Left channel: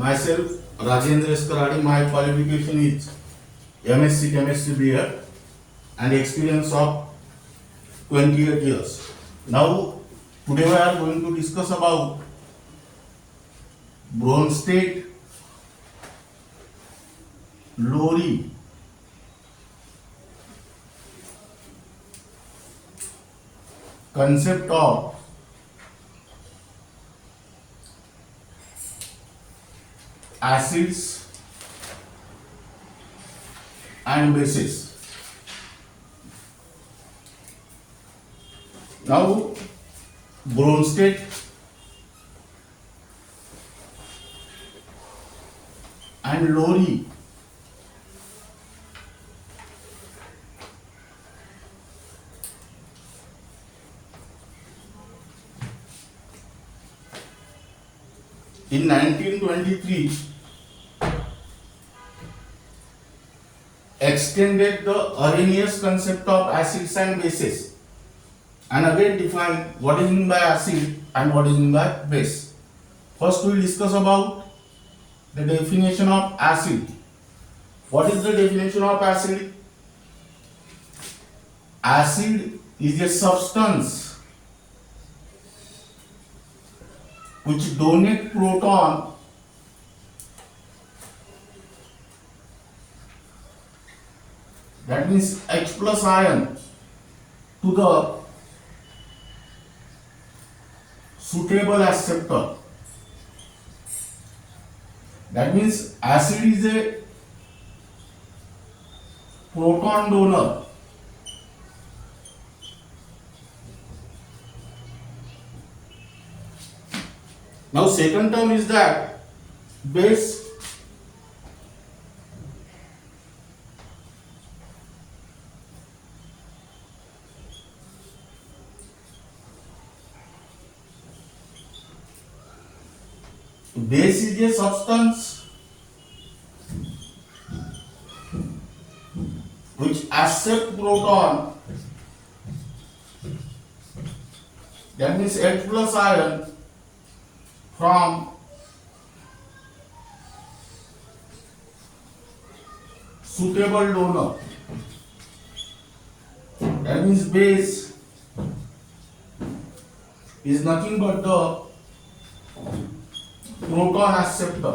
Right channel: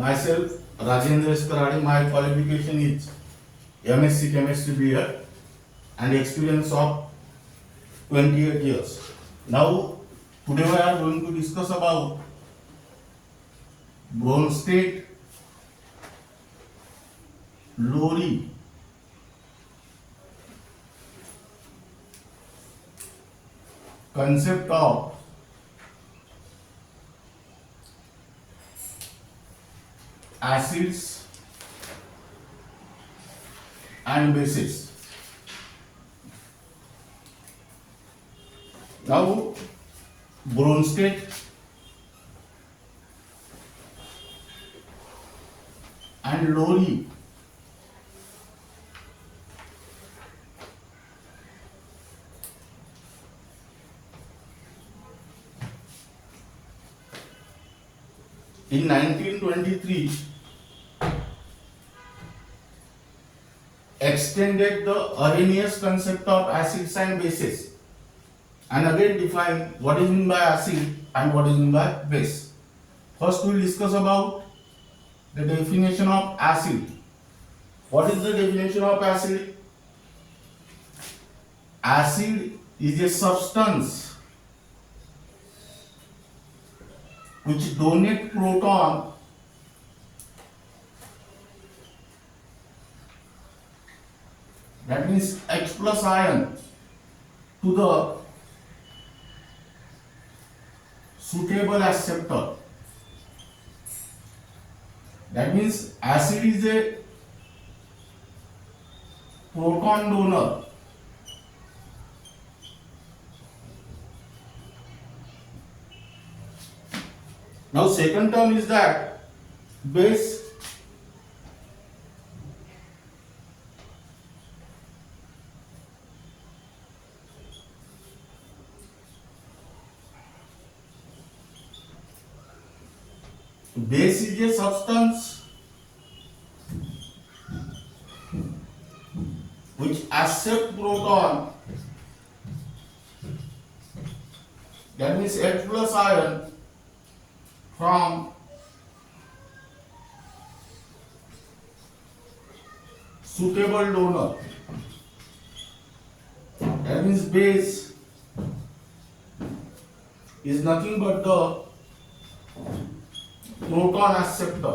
Myself, Rajendra Eskaradi. My qualification is MSc Chemistry B.Ed and experience of 28 years. Now, today we are going to discuss about Bronsted Lowry concept of acids and bases. Now, Bronsted and Lowry in 1923 extended the erroneous concept of acids and bases and again defined what is meant by acid and what is meant by base. First we will discuss about the definition of acid. What is the definition of acid? Acid is a substance which donate proton that means H plus ion to the suitable acceptor. That means acid is a proton donor. Now second term is that base. Base is a substance which accept proton, that means H plus ion from suitable donor. That means base is nothing but the proton acceptor.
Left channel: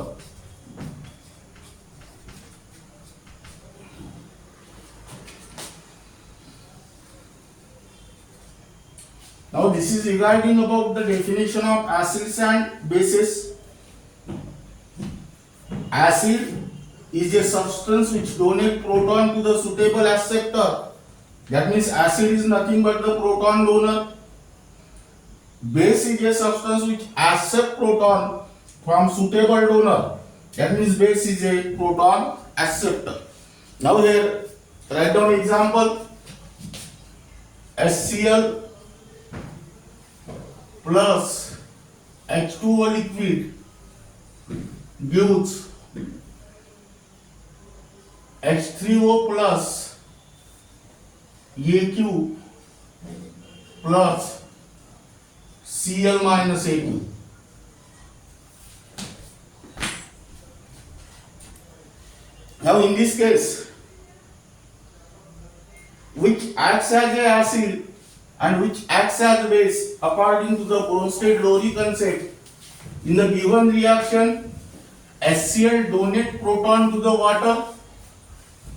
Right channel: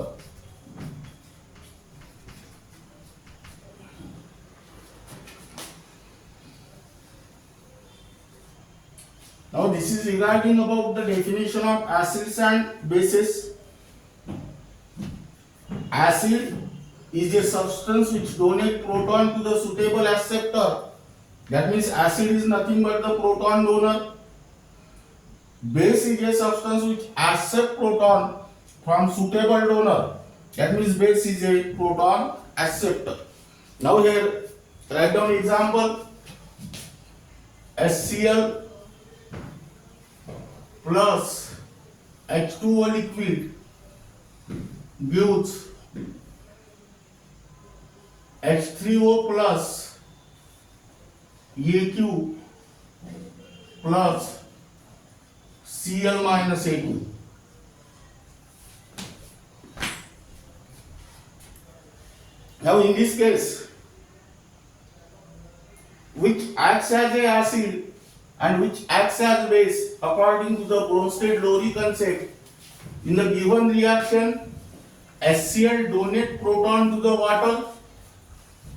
Now this is regarding about the definition of acids and bases. Acid is a substance which donate proton to the suitable acceptor. That means acid is nothing but the proton donor. Base is a substance which accept proton from suitable donor. That means base is a proton acceptor. Now here write down example. HCl plus H2O liquid gives H3O plus AQ plus Cl minus A2. Now in this case, which acts as a acid and which acts as a base according to the Bronsted Lowry concept, in the given reaction, HCl donate proton to the water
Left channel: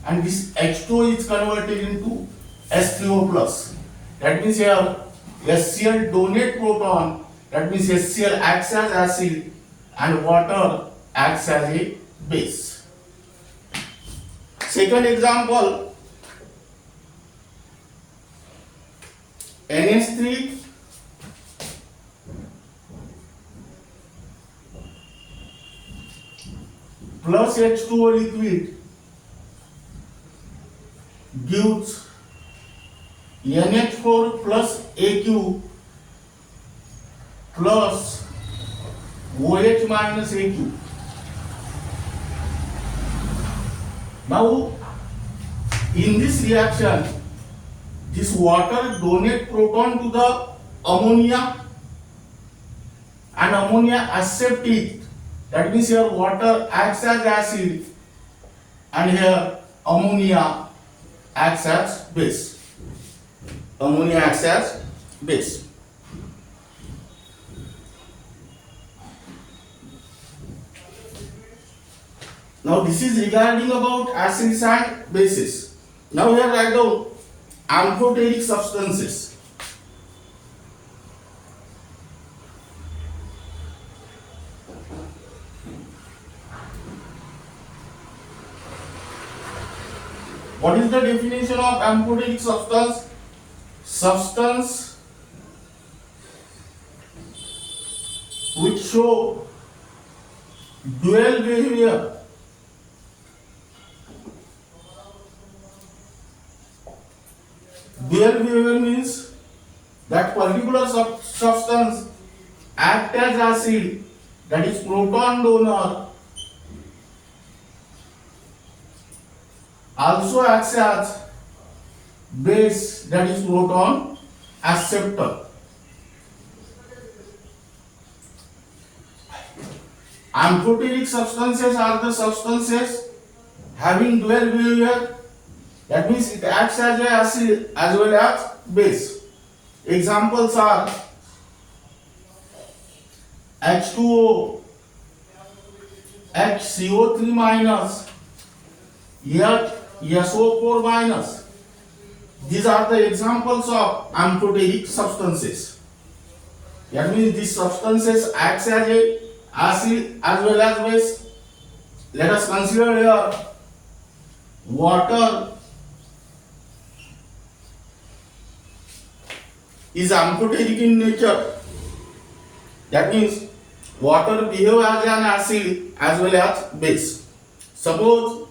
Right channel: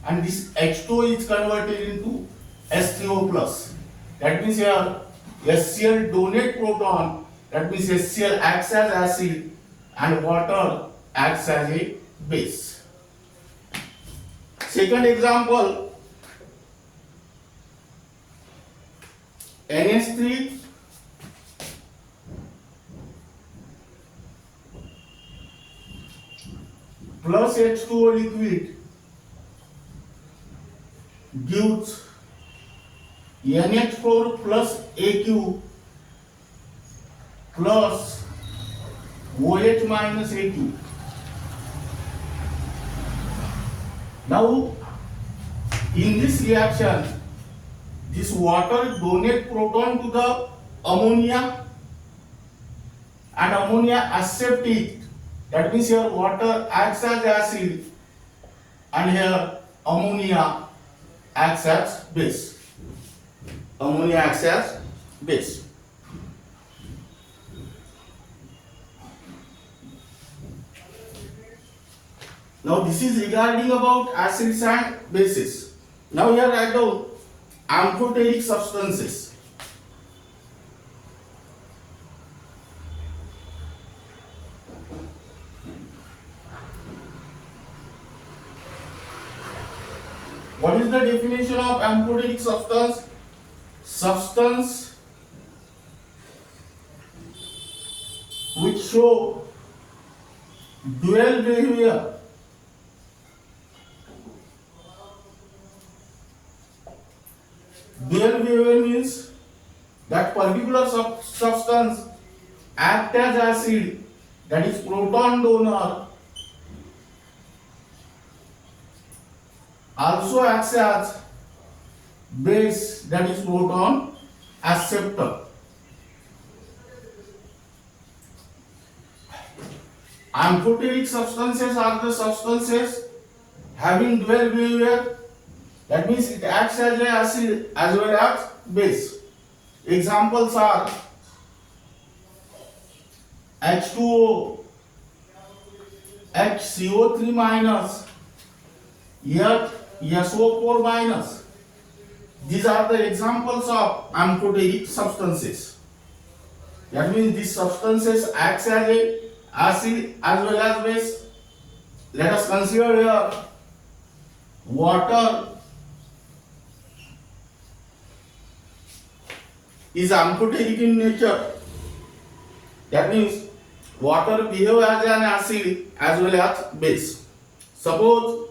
and this H2O is converted into H3O plus. That means here HCl donate proton, that means HCl acts as acid and water acts as a base. Second example, NH3 plus H2O liquid gives NH4 plus AQ plus OH minus AQ. Now, in this reaction, this water donate proton to the ammonia and ammonia accept it That means here water acts as acid and here ammonia acts as base. Ammonia acts as base. Now this is regarding about acids and bases. Now here write down amphoteric substances. What is the definition of amphoteric substance? Substance which show dual behavior. Dual behavior means that particular substance acts as acid, that is proton donor, also acts as base, that is proton acceptor. Amphoteric substances are the substances having dual behavior. That means it acts as a acid as well as base. Examples are H2O, HCO3 minus, SO4 minus. These are the examples of amphoteric substances. That means these substances acts as a acid as well as base. Let us consider here water is amphoteric in nature. That means water behaves as an acid as well as base. Suppose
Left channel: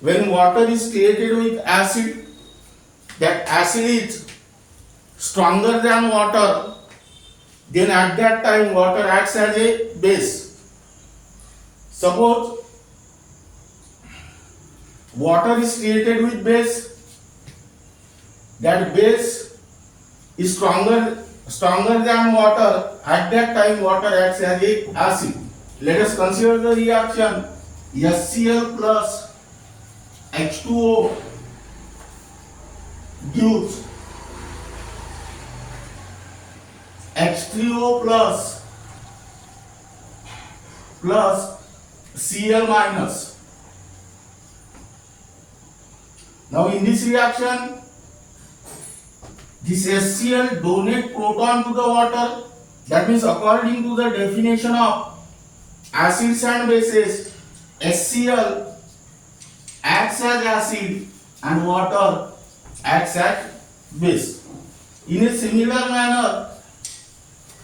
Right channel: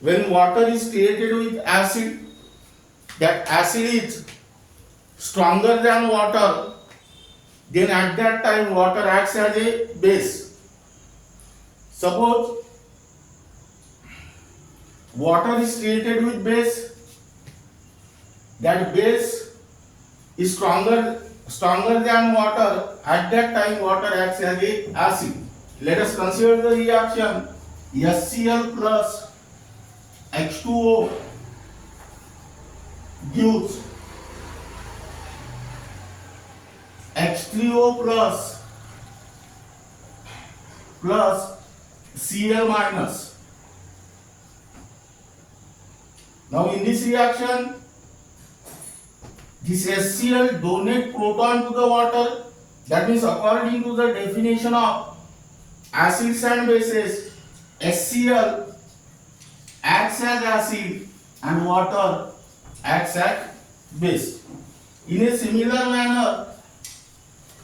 when water is created with acid, that acid is stronger than water, then at that time water acts as a base. Suppose water is created with base, that base is stronger than water, at that time water acts as a acid. Let us consider the reaction. HCl plus H2O gives H3O plus Cl minus. Now in this reaction, this HCl donate proton to the water. That means according to the definition of acids and bases, HCl acts as acid and water acts as base. In a similar manner,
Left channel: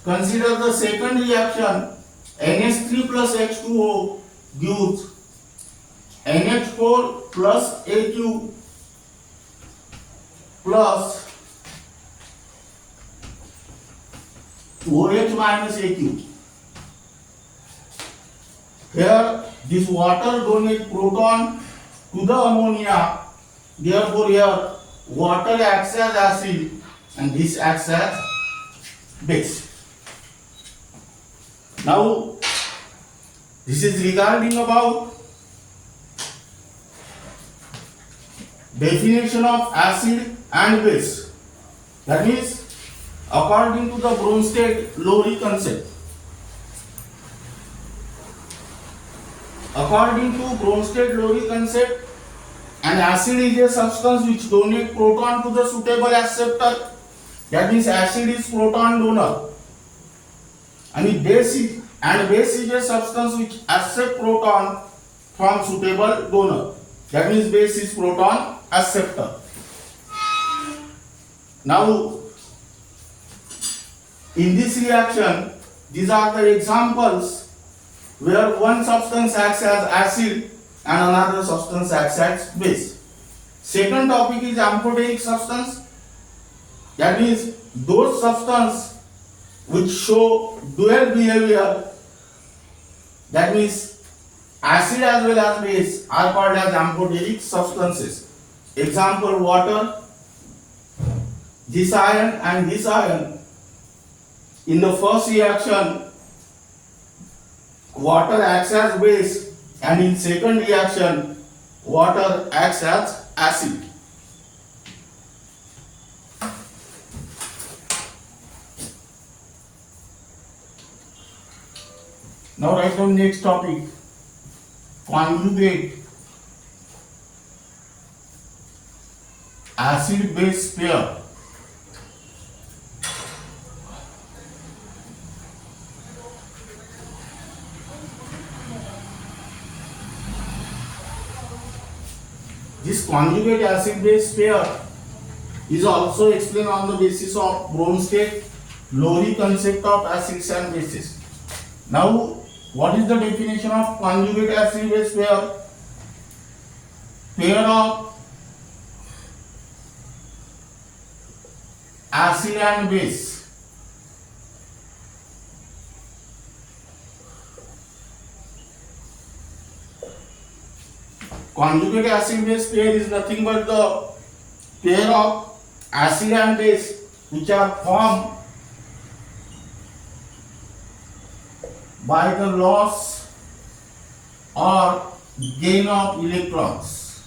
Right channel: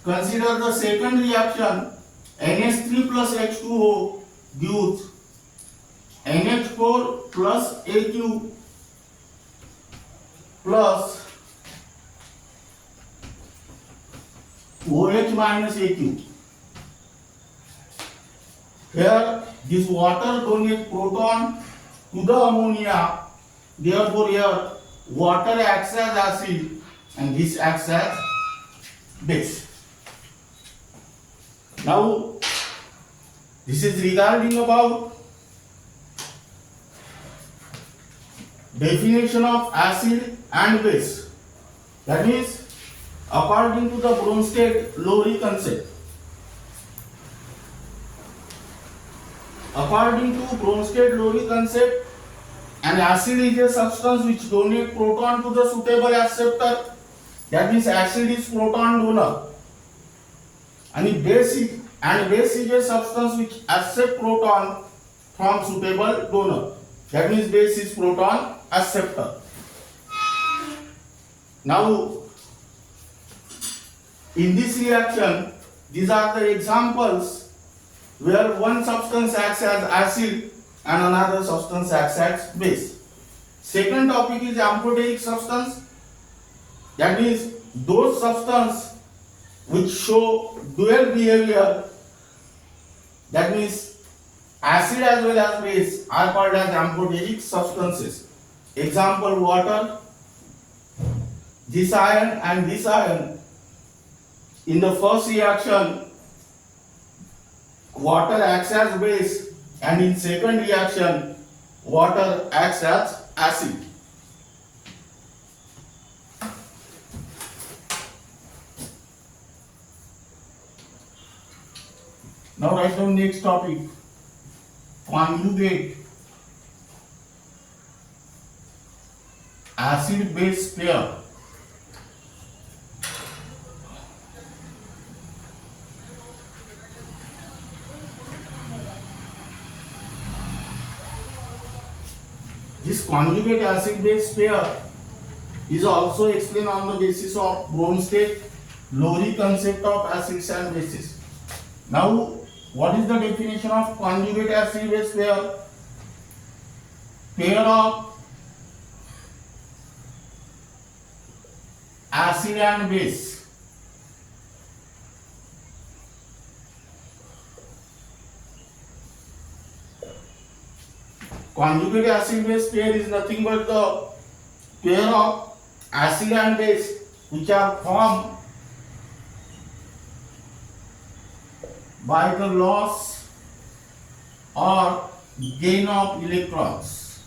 consider the second reaction. NH3 plus H2O gives NH4 plus AQ plus OH minus AQ. Here this water donates proton to the ammonia, therefore here water acts as acid and this acts as base. Now this is regarding about definition of acid and base. That means according to the Bronsted Lowry concept. According to Bronsted Lowry concept, an acid is a substance which donates proton to the suitable acceptor. That means acid is proton donor. And base is a substance which accepts proton from suitable donor. That means base is proton acceptor. Now in this reaction, these are the examples where one substance acts as acid and another substance acts as base. Second topic is amphoteric substance. That means those substances which show dual behavior, that means acid as well as base, are called as amphoteric substances. Example, water, this ion and this ion in the first reaction water acts as base, and in second reaction water acts as acid. Now write down next topic, conjugate acid base pair. This conjugate acid base pair is also explained on the basis of Bronsted Lowry concept of acids and bases. Now, what is the definition of conjugate acid base pair? Pair of acid and base conjugate acid base pair is nothing but the pair of acid and base which are formed by the loss or gain of electrons.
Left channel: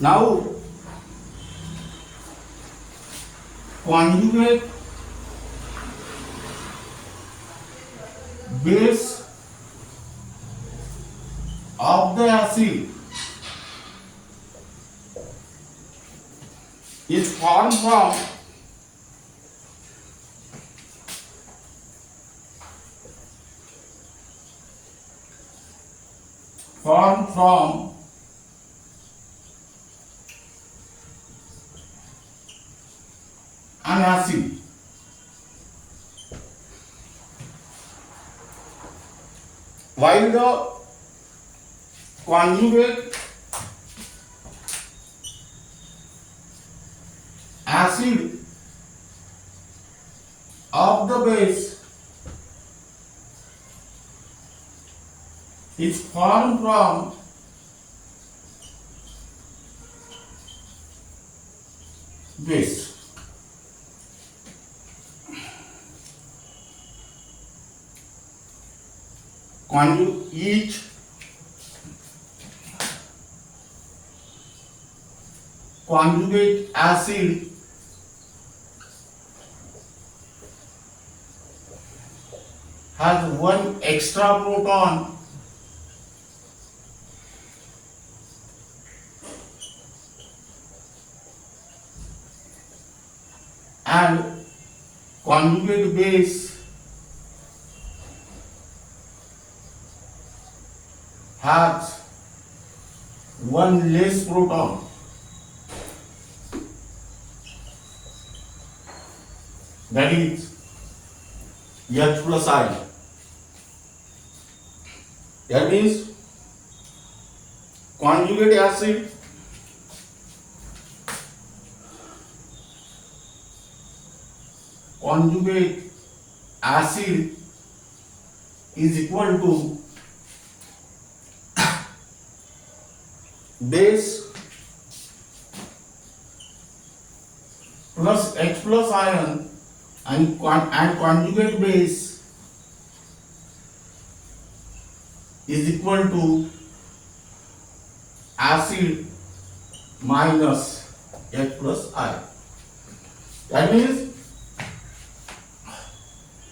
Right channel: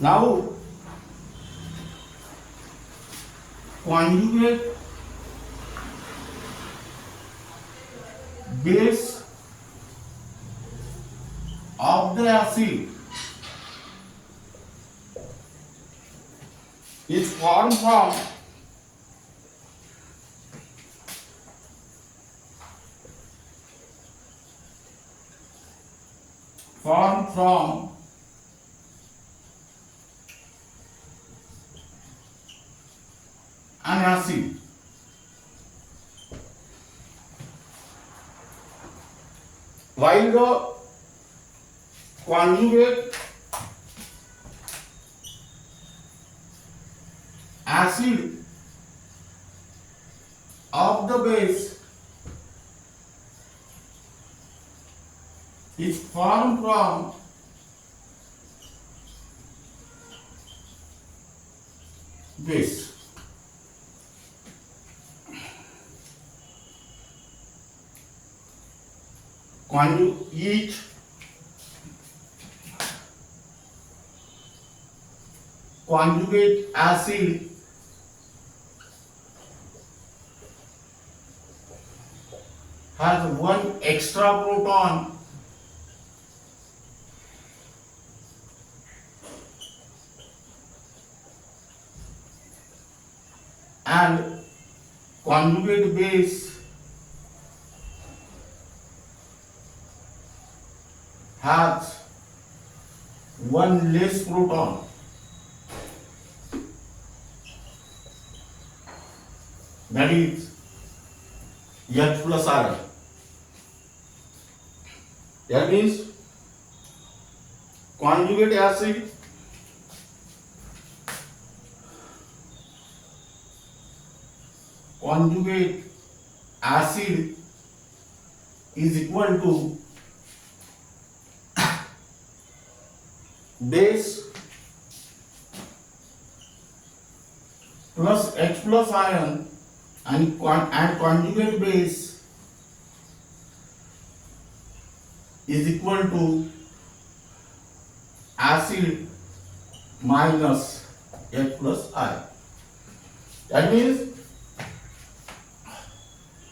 Now, conjugate base of the acid is formed from an acid while the conjugate acid of the base is formed from base. Each conjugate acid has one extra proton and conjugate base has one less proton. That is H plus ion. That means conjugate acid is equal to base plus H plus ion and conjugate base is equal to acid minus H plus ion. That means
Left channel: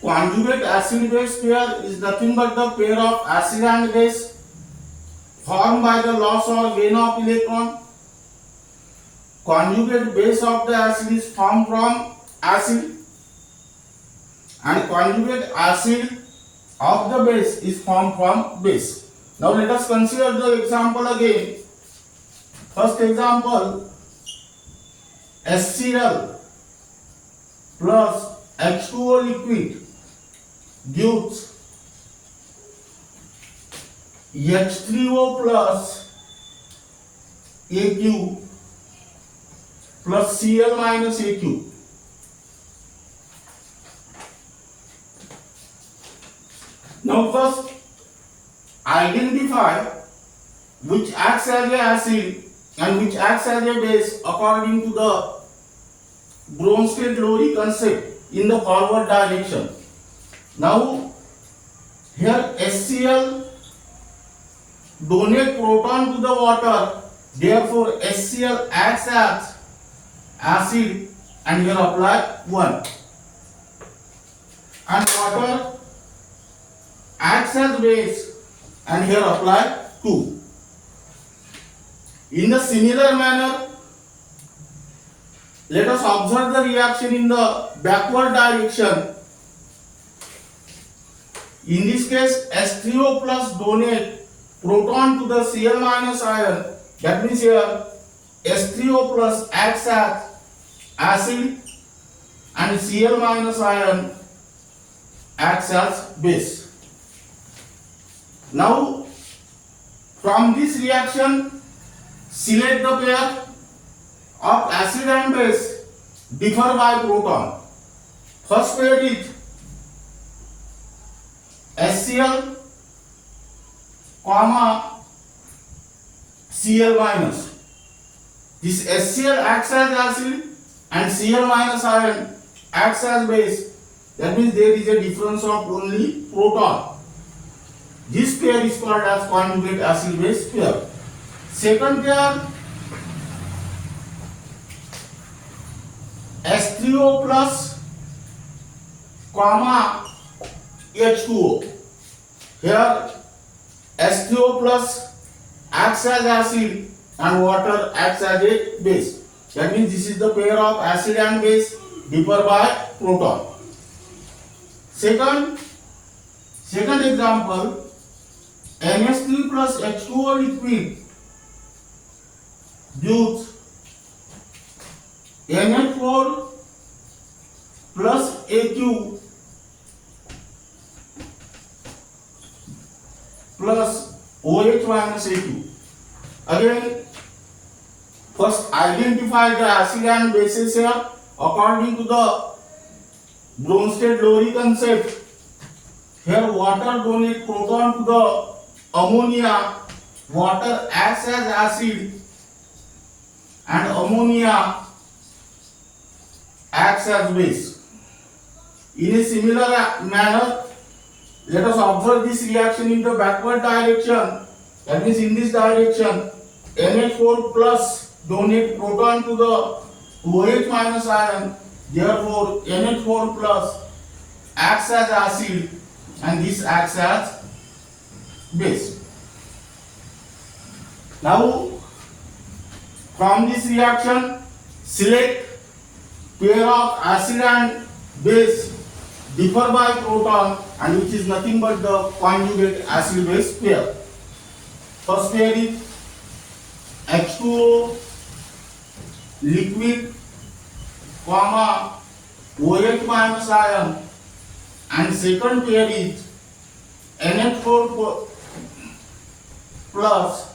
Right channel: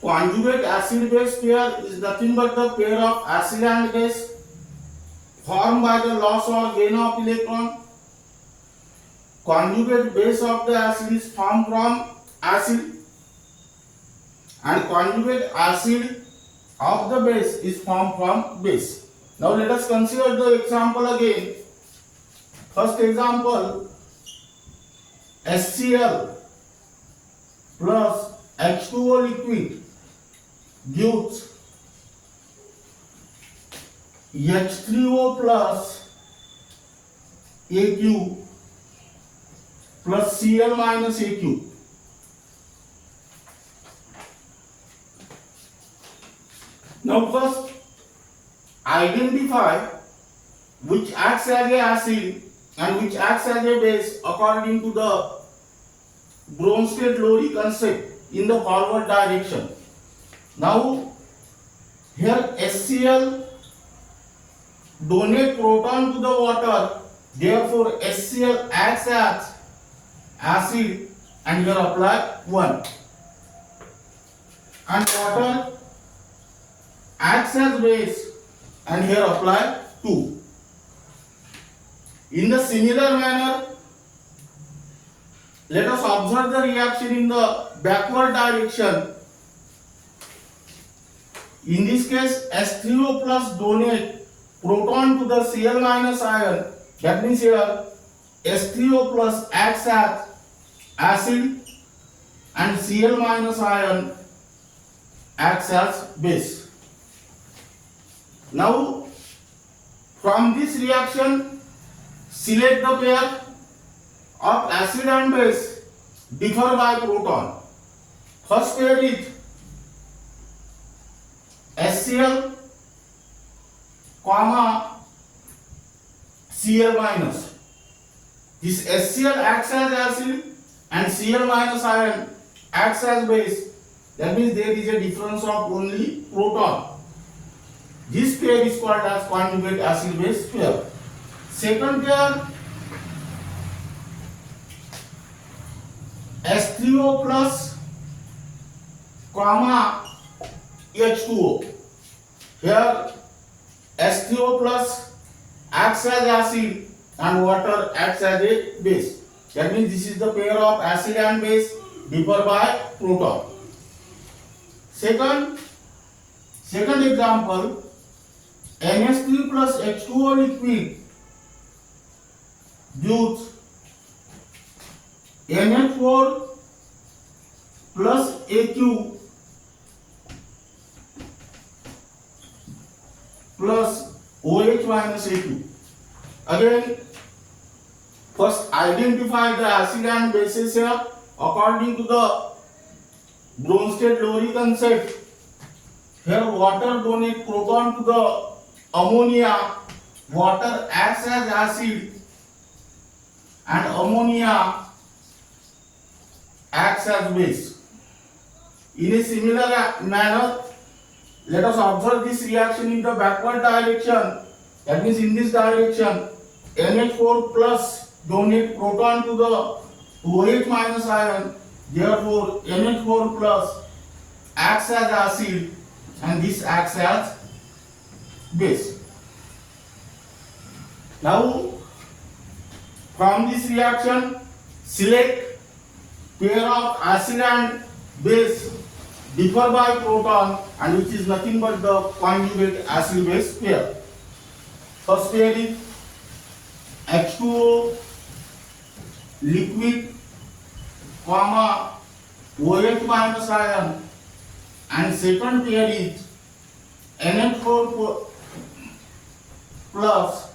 conjugate acid base pair is nothing but the pair of acid and base formed by the loss or gain of electron. Conjugate base of the acid is formed from acid and conjugate acid of the base is formed from base. Now let us consider the example again. First example, HCl plus H2O liquid gives H3O plus AQ plus Cl minus AQ. Now first identify which acts as a acid and which acts as a base according to the Bronsted Lowry concept in the forward direction. Now here HCl donate proton to the water, therefore HCl acts as acid and here apply 1, and water acts as base and here apply 2. In the similar manner, let us observe the reaction in the backward direction. In this case, H3O plus donate proton to the Cl minus ion. That means here H3O plus acts as acid and Cl minus ion acts as base. Now from this reaction, select the pair of acid and base differ by proton. First pair is HCl comma Cl minus. This HCl acts as acid and Cl minus ion acts as base. That means there is a difference of only proton. This pair is called as conjugate acid base pair. Second pair, H3O plus comma H2O. Here H3O plus acts as acid and water acts as a base. That means this is the pair of acid and base differ by proton. Second example, NH3 plus H2O liquid gives NH4 plus AQ plus OH minus AQ. Again, first identify the acid and bases here according to the Bronsted Lowry concept. Here water donate proton to the ammonia, water acts as acid and ammonia acts as base. In a similar manner, let us observe this reaction in the backward direction. That means in this direction, NH4 plus donate proton to the OH minus ion, therefore NH4 plus acts as acid and this acts as base. Now from this reaction, select pair of acid and base differ by proton and which is nothing but the conjugate acid base pair. First pair is H2O liquid comma OH minus ion, and second pair is NH4 plus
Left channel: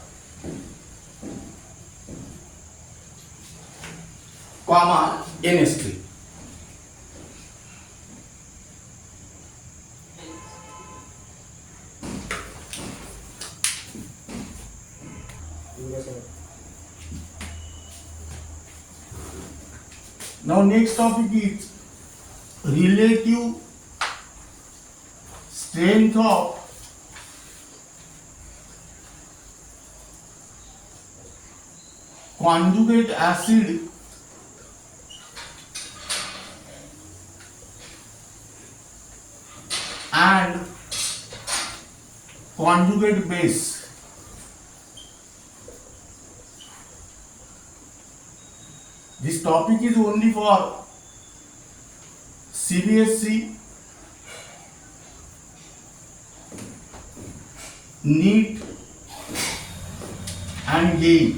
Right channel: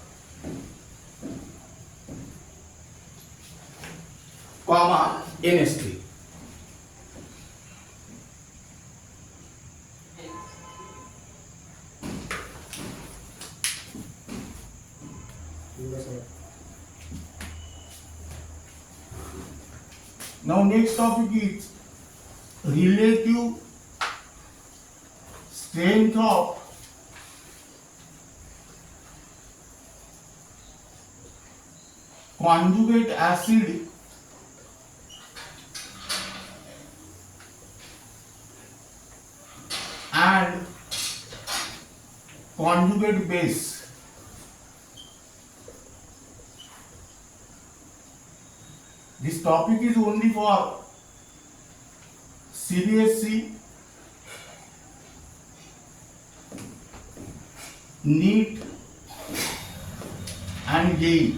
comma NH3. Now next topic is relative strength of conjugate acid and conjugate base. This topic is only for CBSE, NEET and JEE.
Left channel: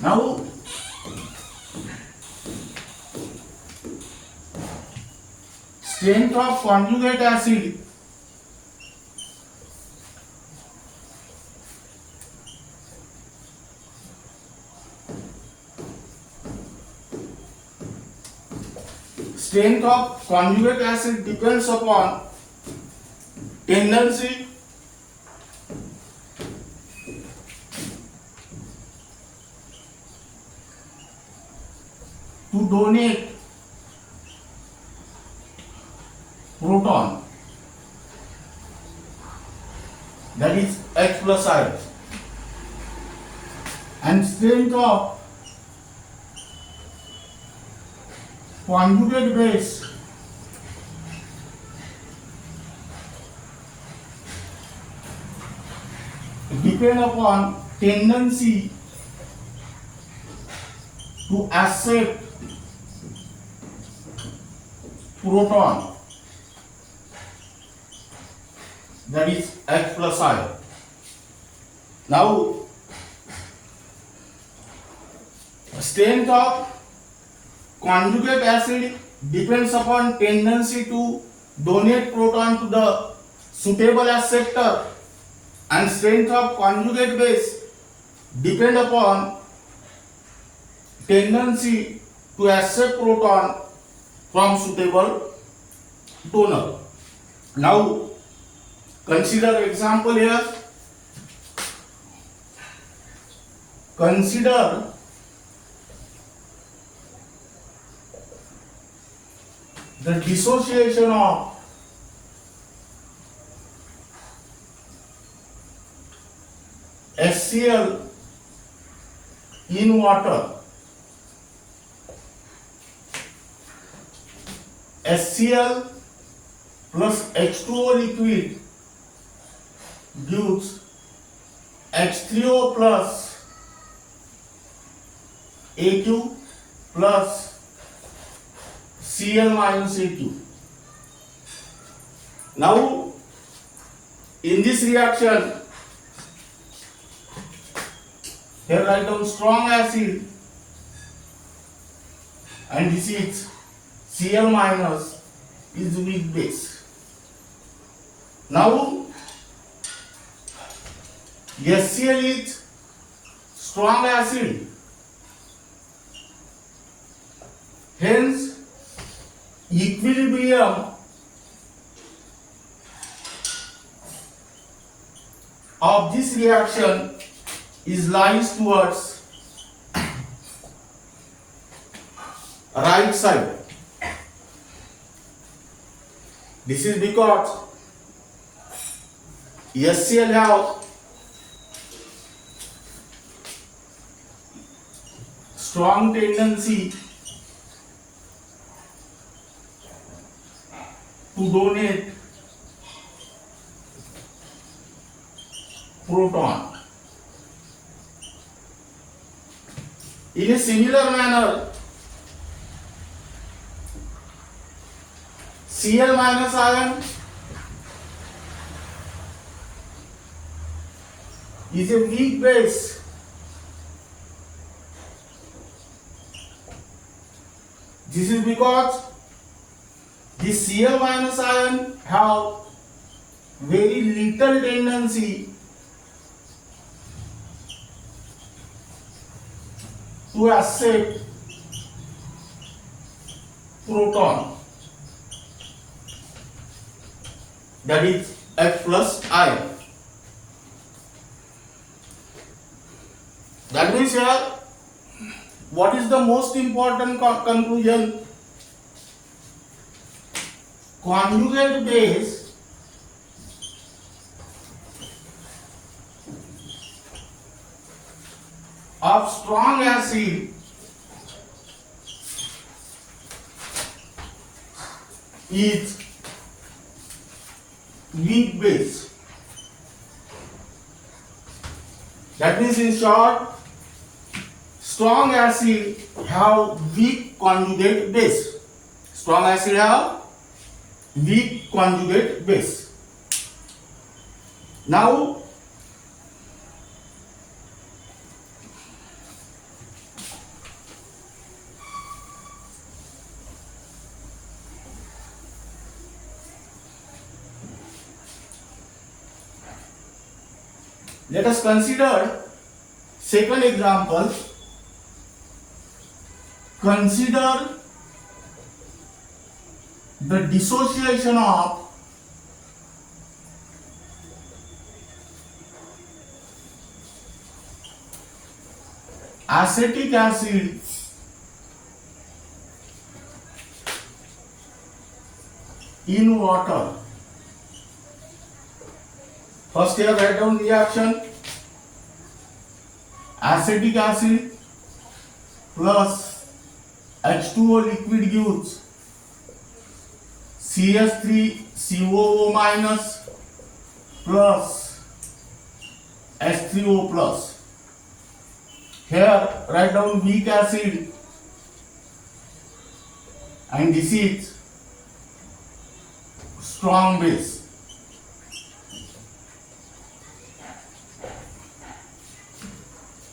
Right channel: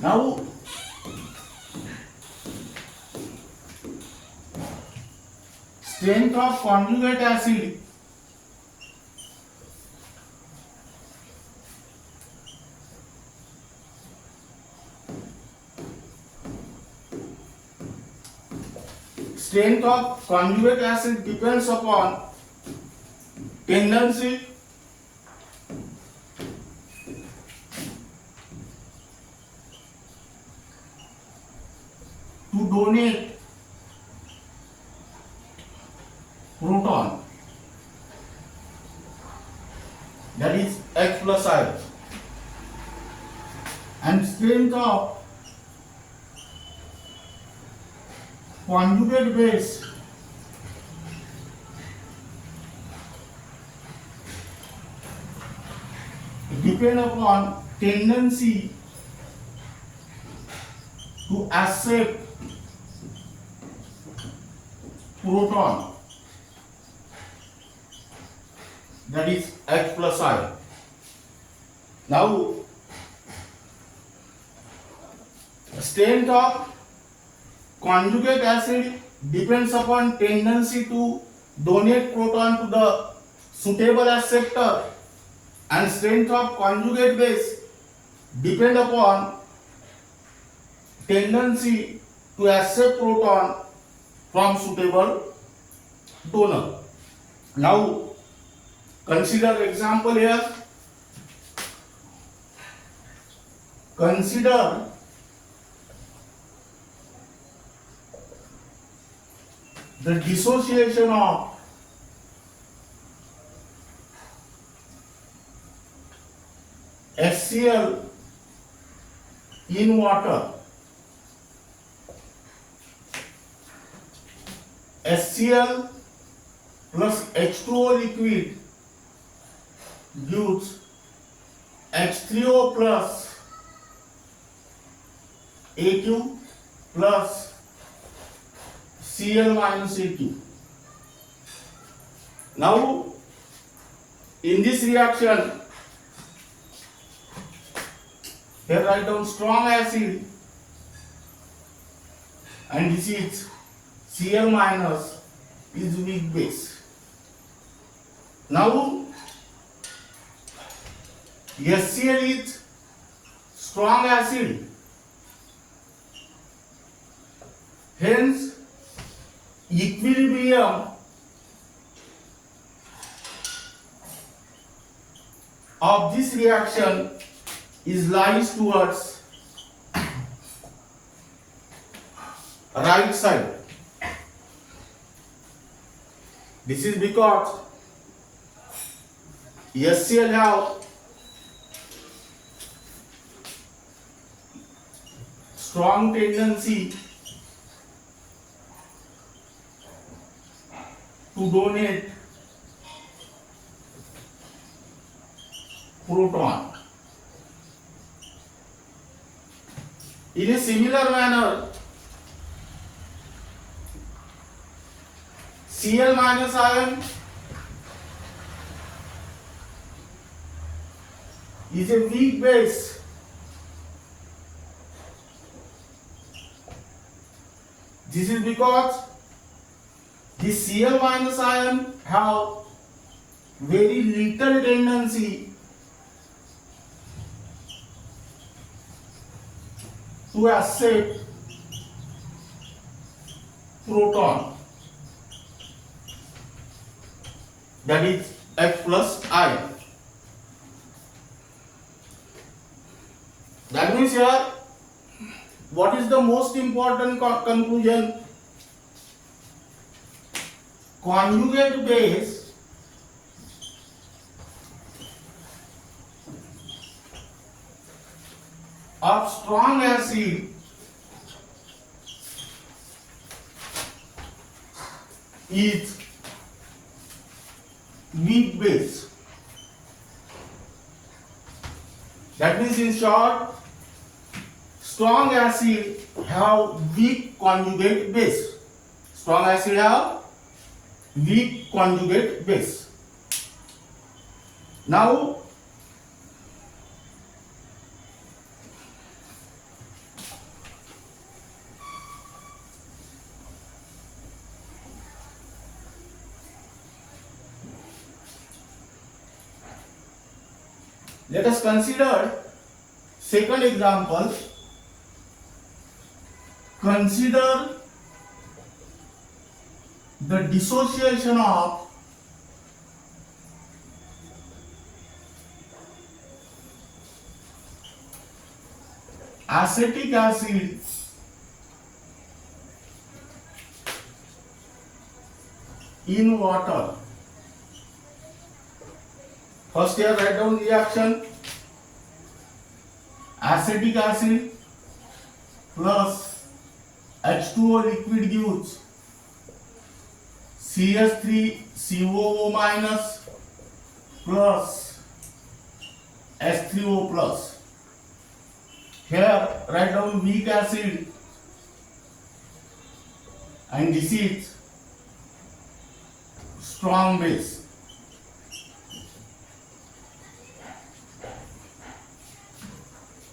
Now strength of conjugate acid depends upon tendency to donate proton, that is H plus I, and strength of conjugate base depend upon tendency to accept proton, that is H plus I. Now, strength of conjugate acid depends upon tendency to donate proton to the suitable acceptor, and strength of conjugate base depend upon tendency to accept proton from suitable donor. Now consider example here. Consider the dissociation of HCl in water. HCl plus H2O liquid gives H3O plus AQ plus Cl minus AQ. Now, in this reaction, here write down strong acid, and this is Cl minus is weak base. Now, HCl is strong acid, hence equilibrium of this reaction is lies towards right side. This is because HCl have strong tendency to donate proton. In a similar manner, Cl minus ion is a weak base. This is because the Cl minus ion have very little tendency to accept proton, that is H plus I. That means here, what is the most important conclusion? Conjugate base of strong acid is weak base. That means, in short, strong acid have weak conjugate base. Strong acid have weak conjugate base. Now, let us consider second example. Consider the dissociation of acetic acid in water. First here write down reaction. Acetic acid plus H2O liquid gives CH3COO minus plus H3O plus. Here write down weak acid and this is strong base.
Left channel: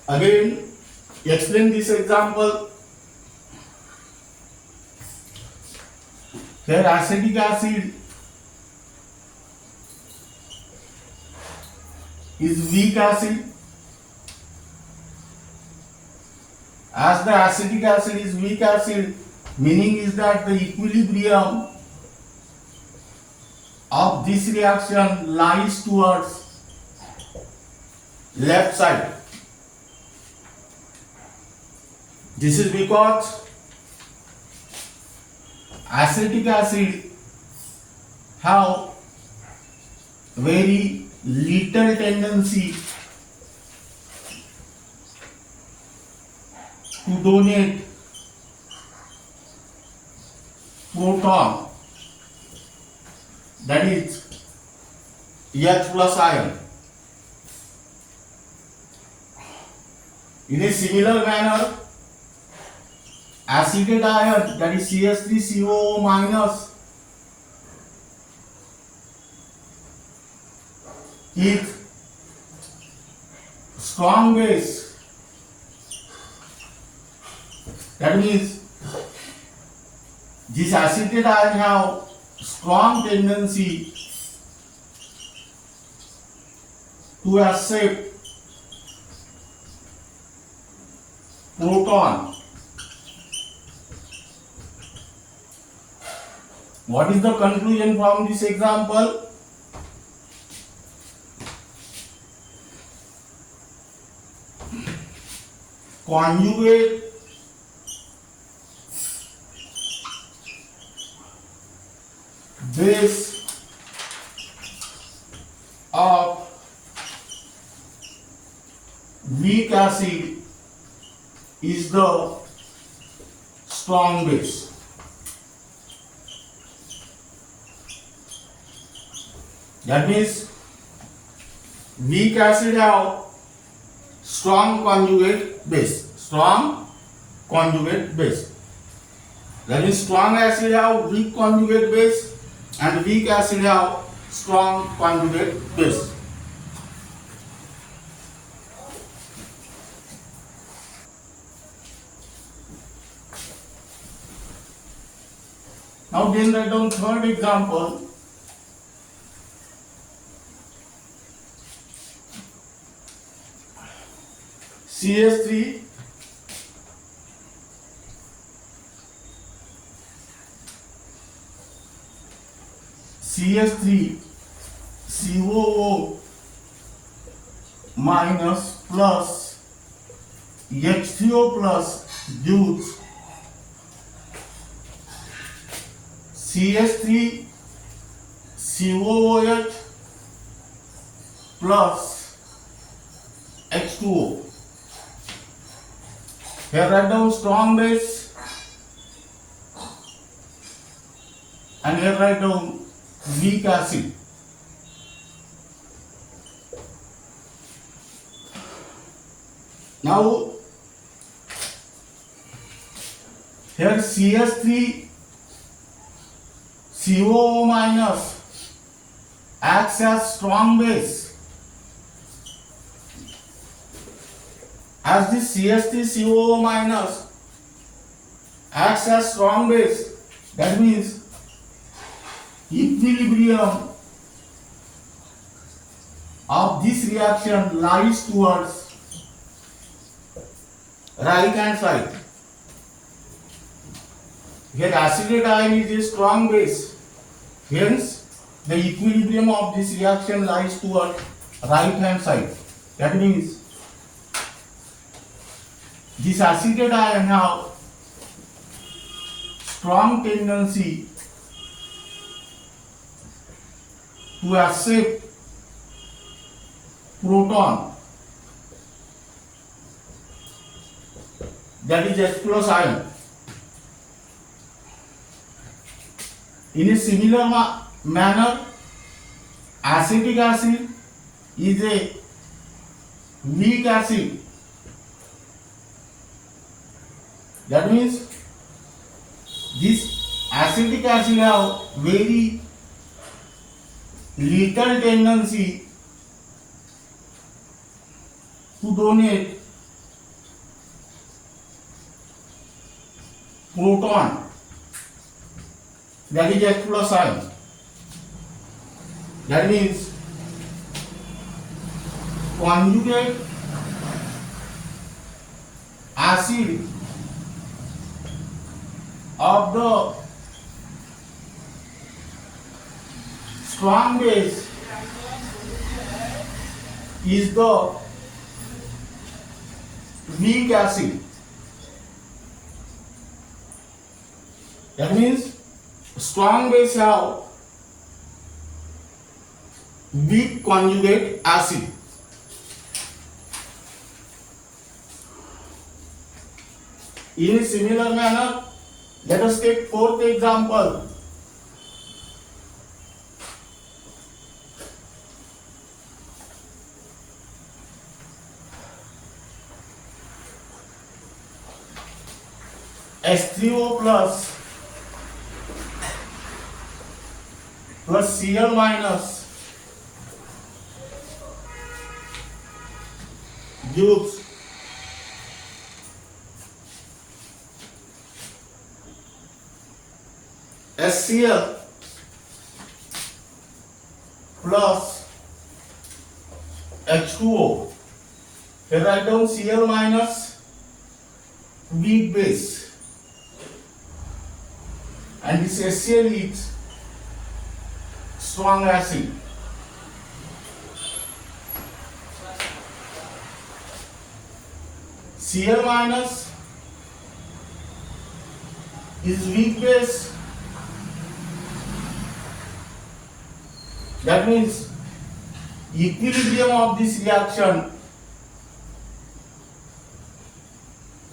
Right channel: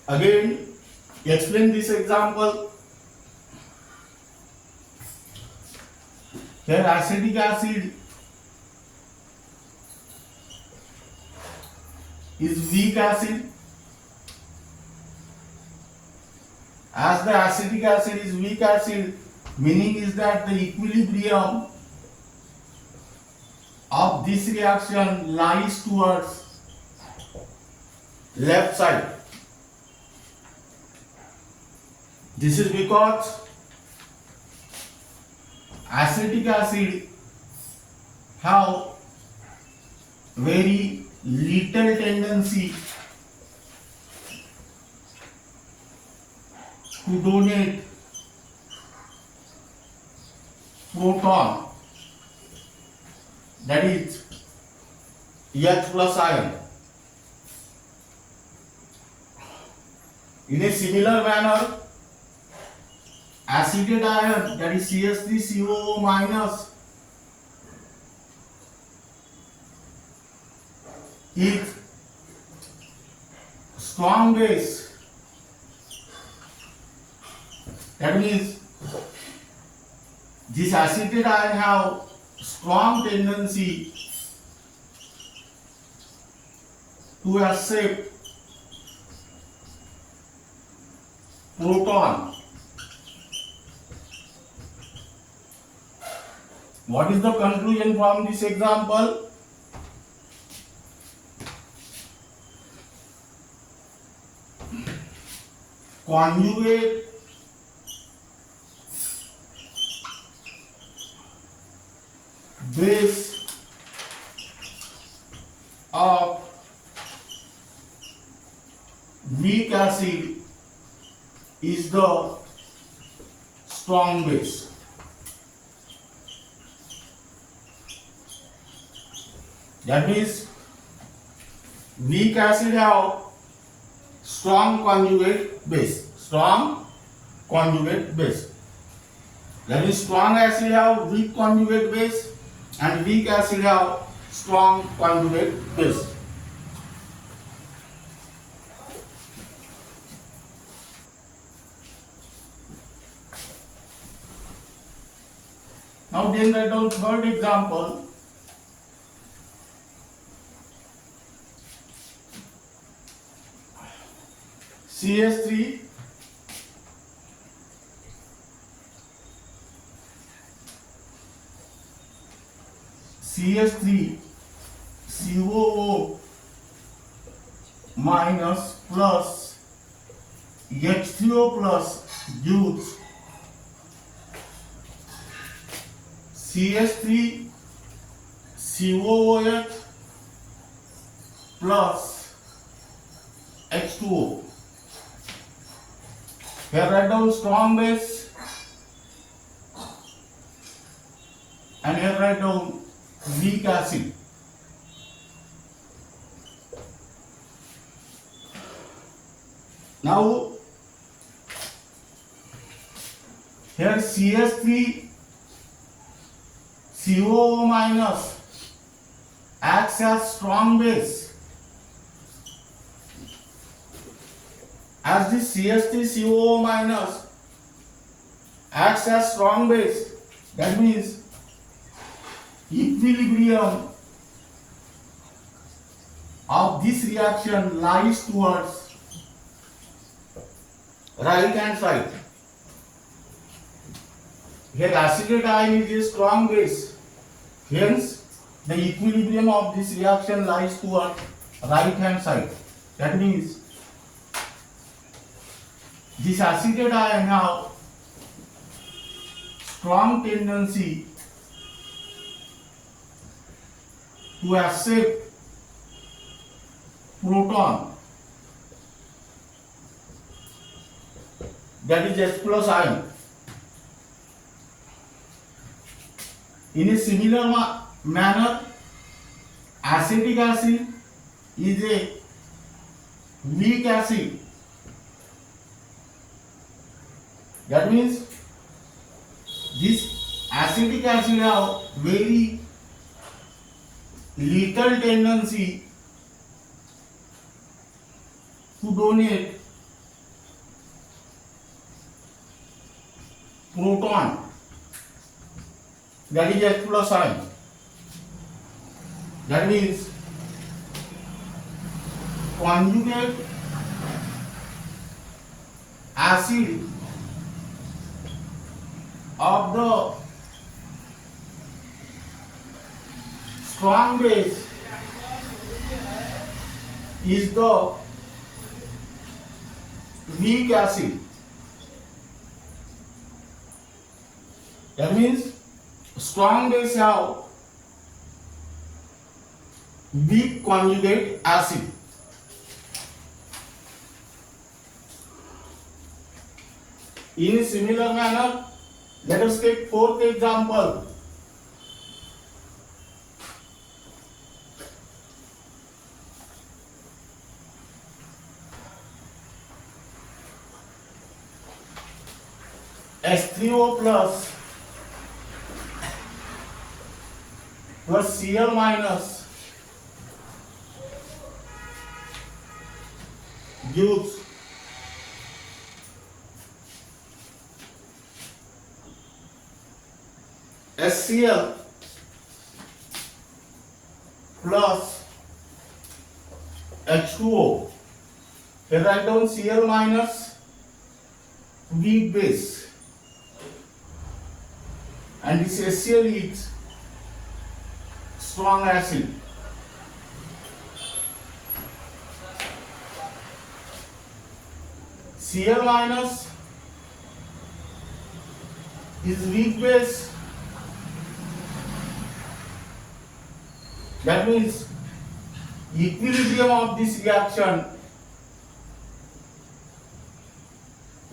Again, explain this example. Here acetic acid is weak acid. As the acetic acid is weak acid, meaning is that the equilibrium of this reaction lies towards left side. This is because acetic acid have very little tendency to donate proton, that is H plus ion. In a similar manner, acetate ion, that is CH3COO minus, is strong base. That means this acetate ion have strong tendency to accept proton. What is the conclusion from this example? Conjugate base of weak acid is the strong base. That means weak acid have strong conjugate base. Strong conjugate base. That means strong acid have weak conjugate base and weak acid have strong conjugate base. Now then write down third example. CH3 COO minus plus H3O plus gives CH3COOH plus H2O. Here write down strong base and here write down weak acid. Now here CH3COO minus acts as strong base. As this CH3COO minus acts as strong base, that means equilibrium of this reaction lies towards right hand side. Here acetate ion is a strong base, hence the equilibrium of this reaction lies towards right hand side. That means this acetate ion have strong tendency to accept proton, that is H plus ion. In a similar manner, acetic acid is a weak acid. That means this acetic acid have very little tendency to donate proton, that is H plus ion. That means conjugate acid of the strong base is the weak acid. That means strong base have weak conjugate acid. In a similar manner, let us take fourth example. H3O plus Cl minus gives HCl plus H2O. Here write down Cl minus weak base, and this HCl is strong acid. Cl minus is weak base. That means equilibrium of this reaction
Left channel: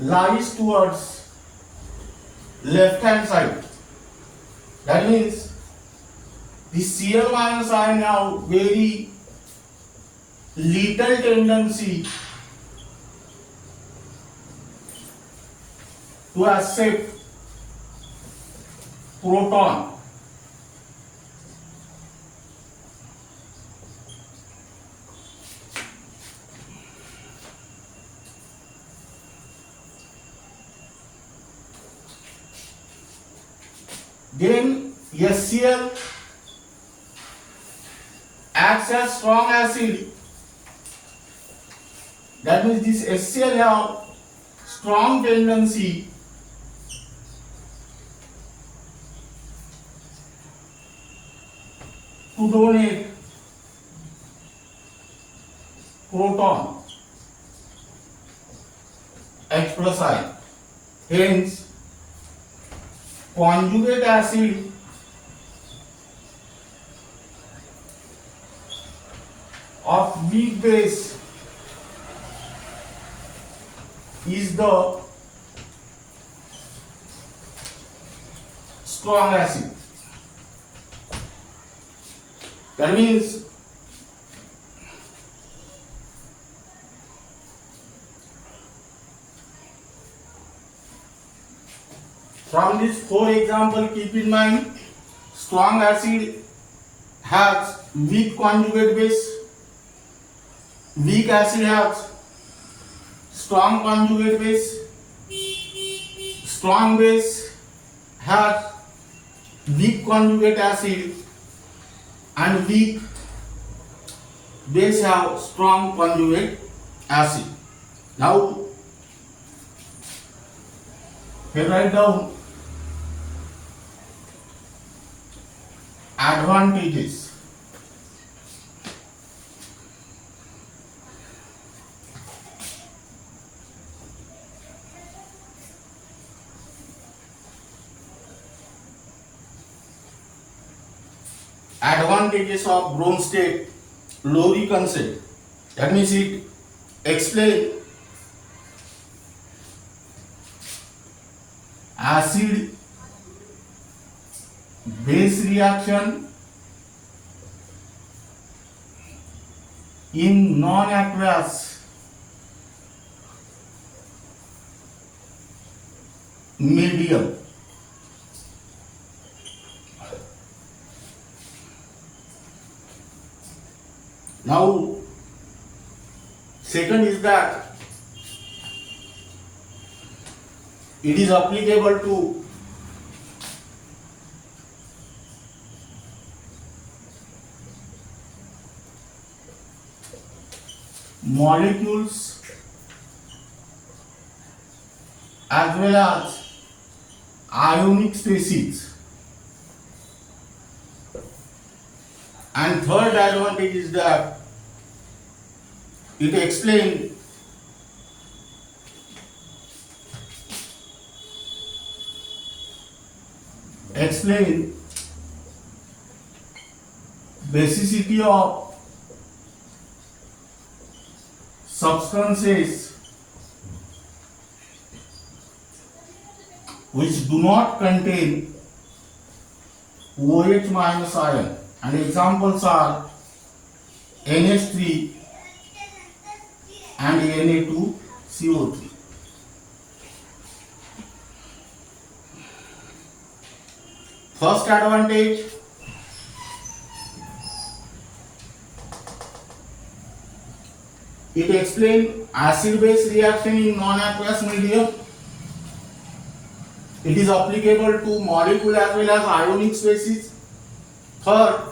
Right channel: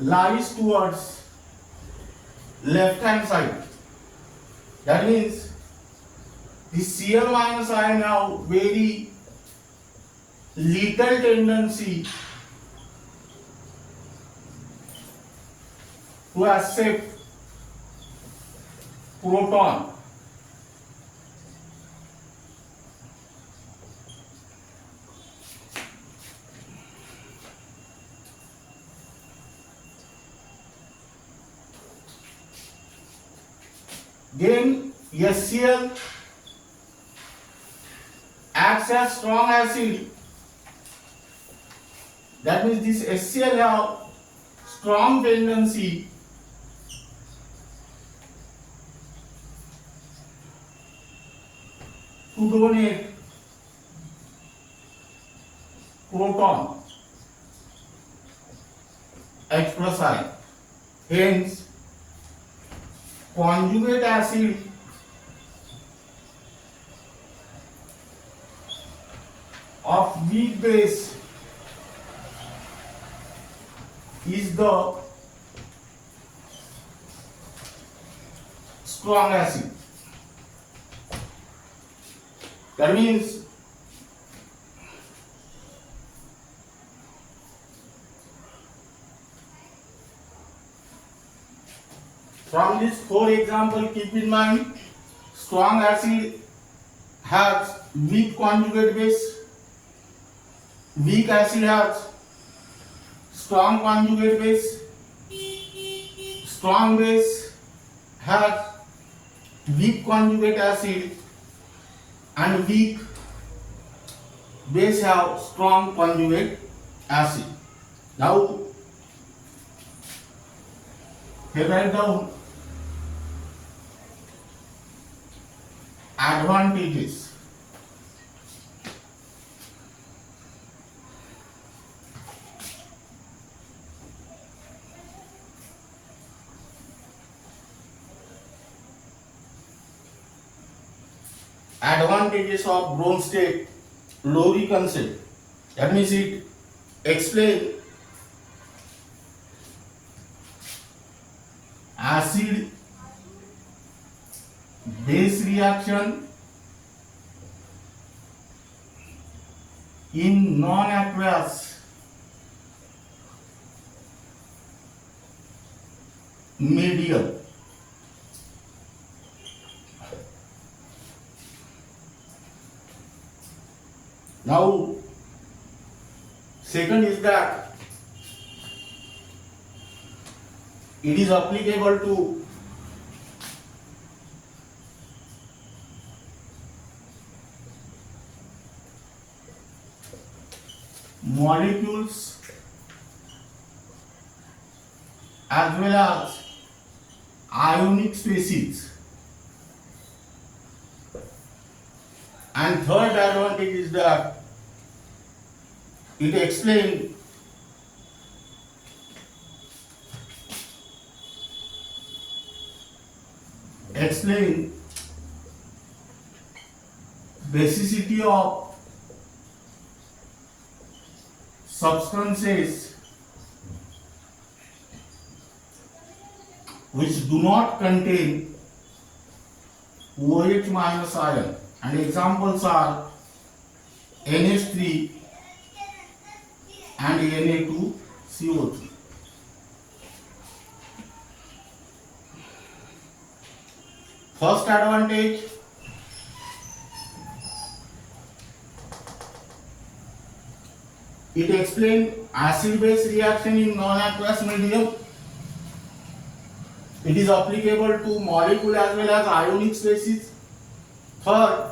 lies towards left hand side. That means the Cl minus ion have very little tendency to accept proton. Then HCl acts as strong acid. That means this HCl have strong tendency to donate proton, H plus ion. Hence, conjugate acid of weak base is the strong acid. That means from this four example, keep in mind, strong acid has weak conjugate base, weak acid has strong conjugate base, strong base has weak conjugate acid, and weak base have strong conjugate acid. Now, here write down advantages. advantages of Bronsted Lowry concept. That means it explains acid base reaction in non-aqueous medium. Now, second is that it is applicable to molecules as well as ionic species. And third advantage is that it explains basicity of substances which do not contain OH minus ion, and examples are NH3 and Na2CO3. First advantage, it explains acid-base reaction in non-aqueous medium. It is applicable to molecule as well as ionic species. Third,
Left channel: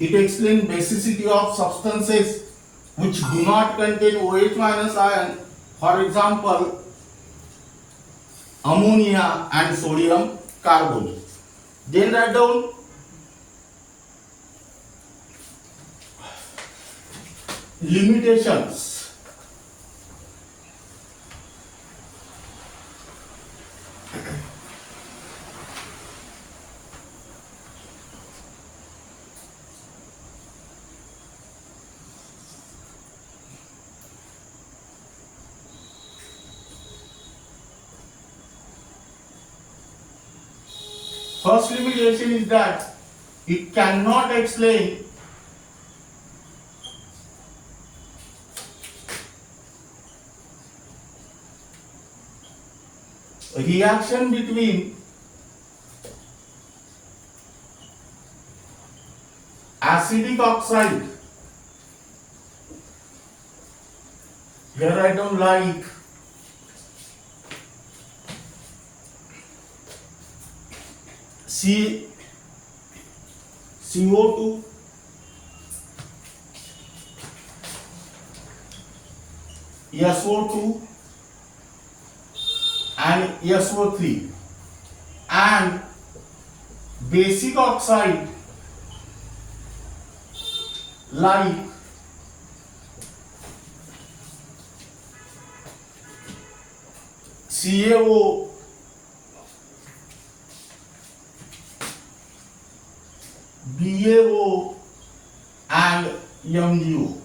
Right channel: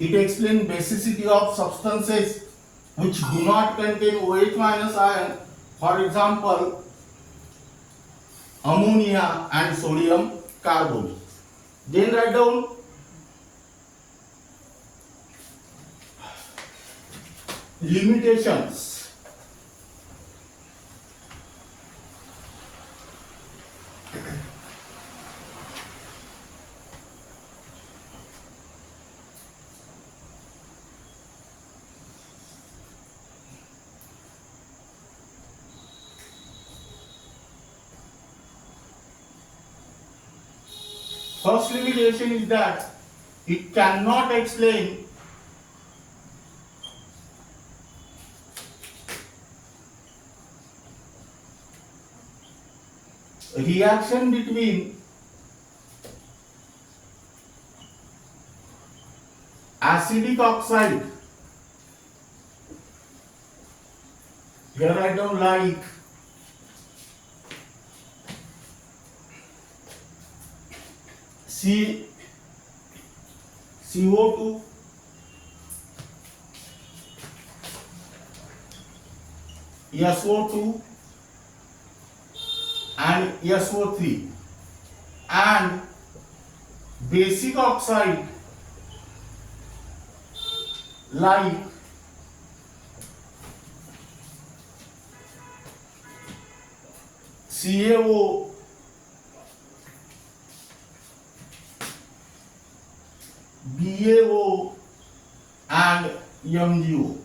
it explains basicity of substances which do not contain OH minus ion, for example, ammonia and sodium carbonate. Then write down limitations. First limitation is that it cannot explain reaction between acidic oxide, here I don't like CO2 SO2 and SO3, and basic oxide like CaO, BaO and MgO.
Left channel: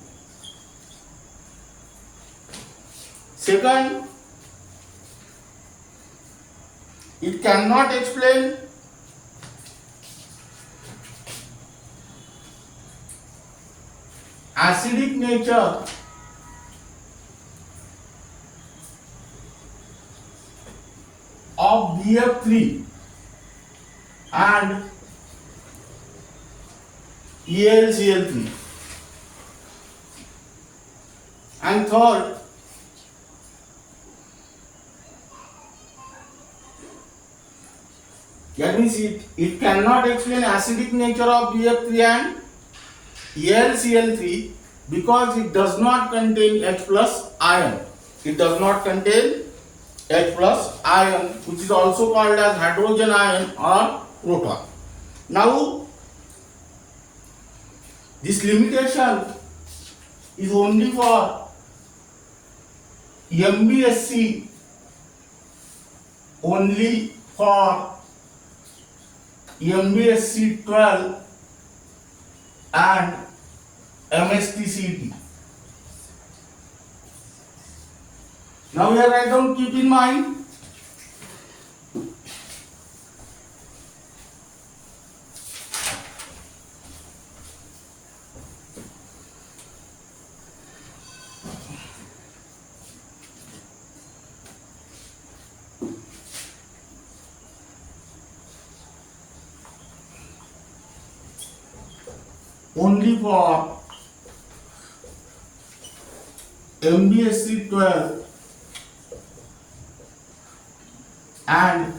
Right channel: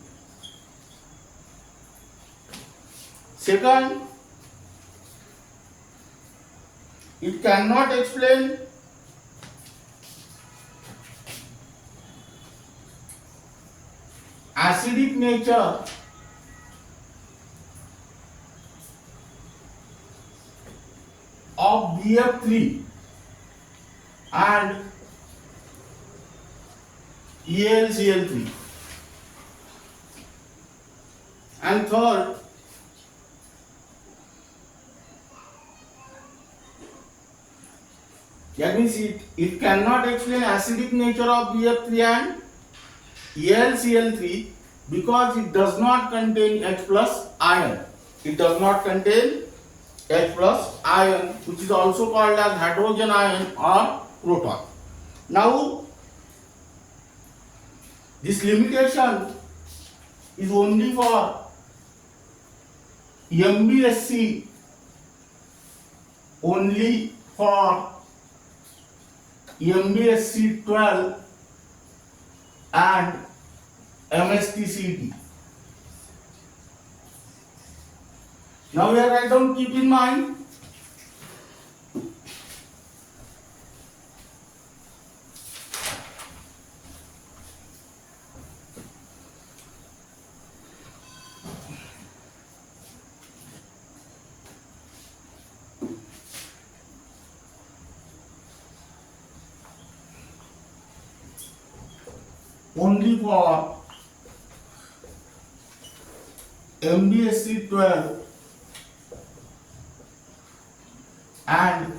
Second, it cannot explain acidic nature of BF3 and ElCl3. And third, that means it cannot explain acidic nature of BF3 and ElCl3 because it does not contain H plus ion. It does not contain H plus ion, which is also called as hydrogen ion or proton. Now, this limitation is only for MBSE, only for MBSE 12 and mhtcet. Now here write down, keep in mind only for MBSE 12 and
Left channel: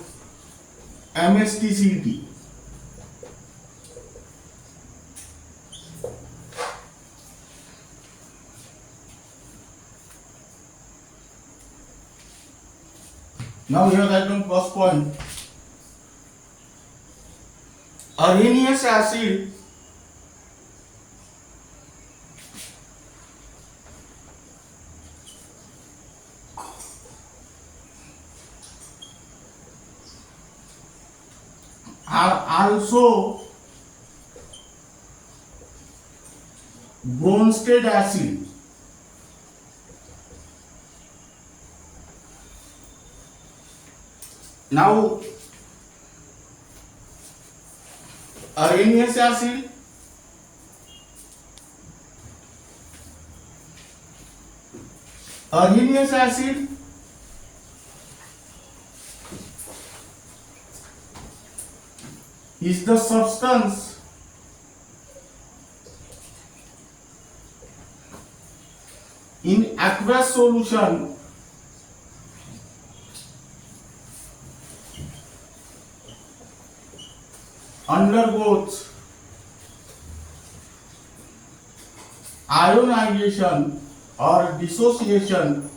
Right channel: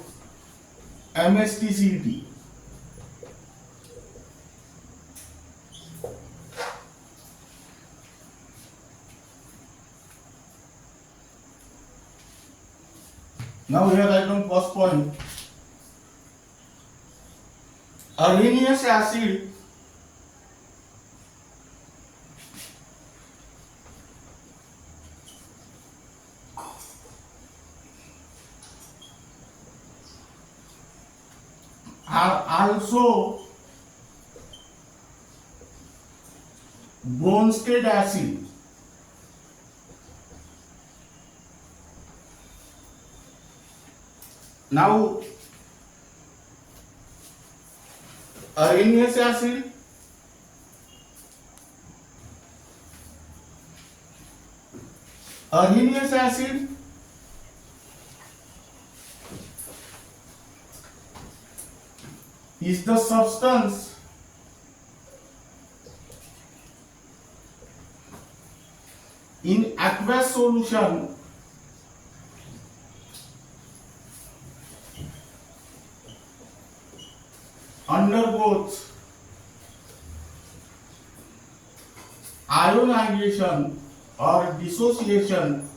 mhtcet. Now here I come first point. Arrhenius acid are also Bronsted acid. Now arrhenius acid is the substance in aqueous solution undergoes ionization or dissociation,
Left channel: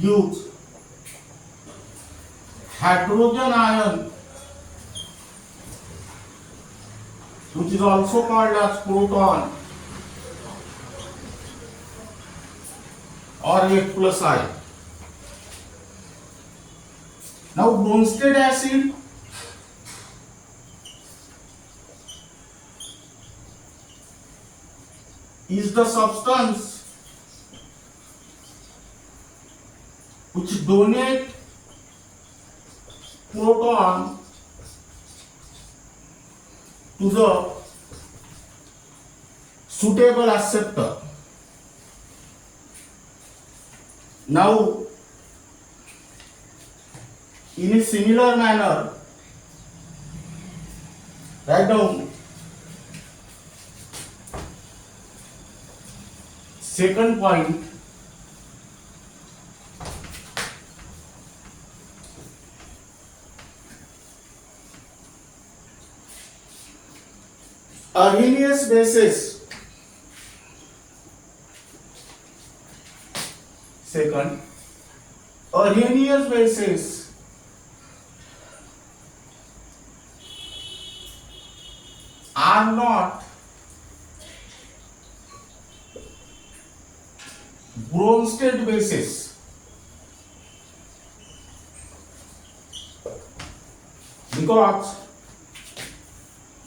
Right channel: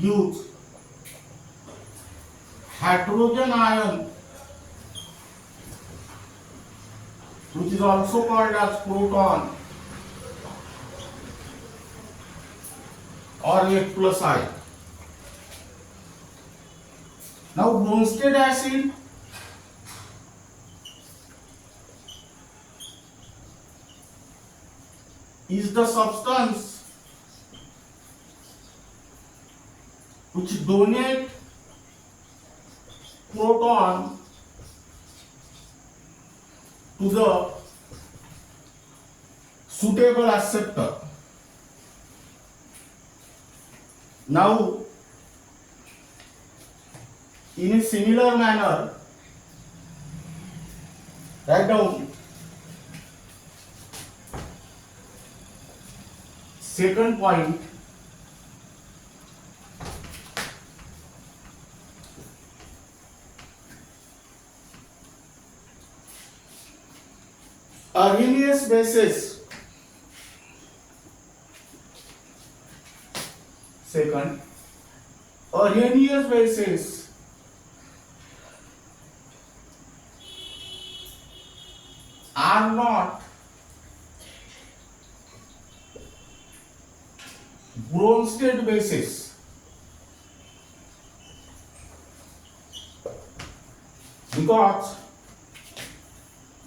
gives hydrogen ion, which is also called as proton or H plus I. Now Bronsted acid is the substance which donate proton to the suitable acceptor. Now, in a similar manner, write down second point. Arrhenius bases. Second, Arrhenius bases are not Bronsted bases because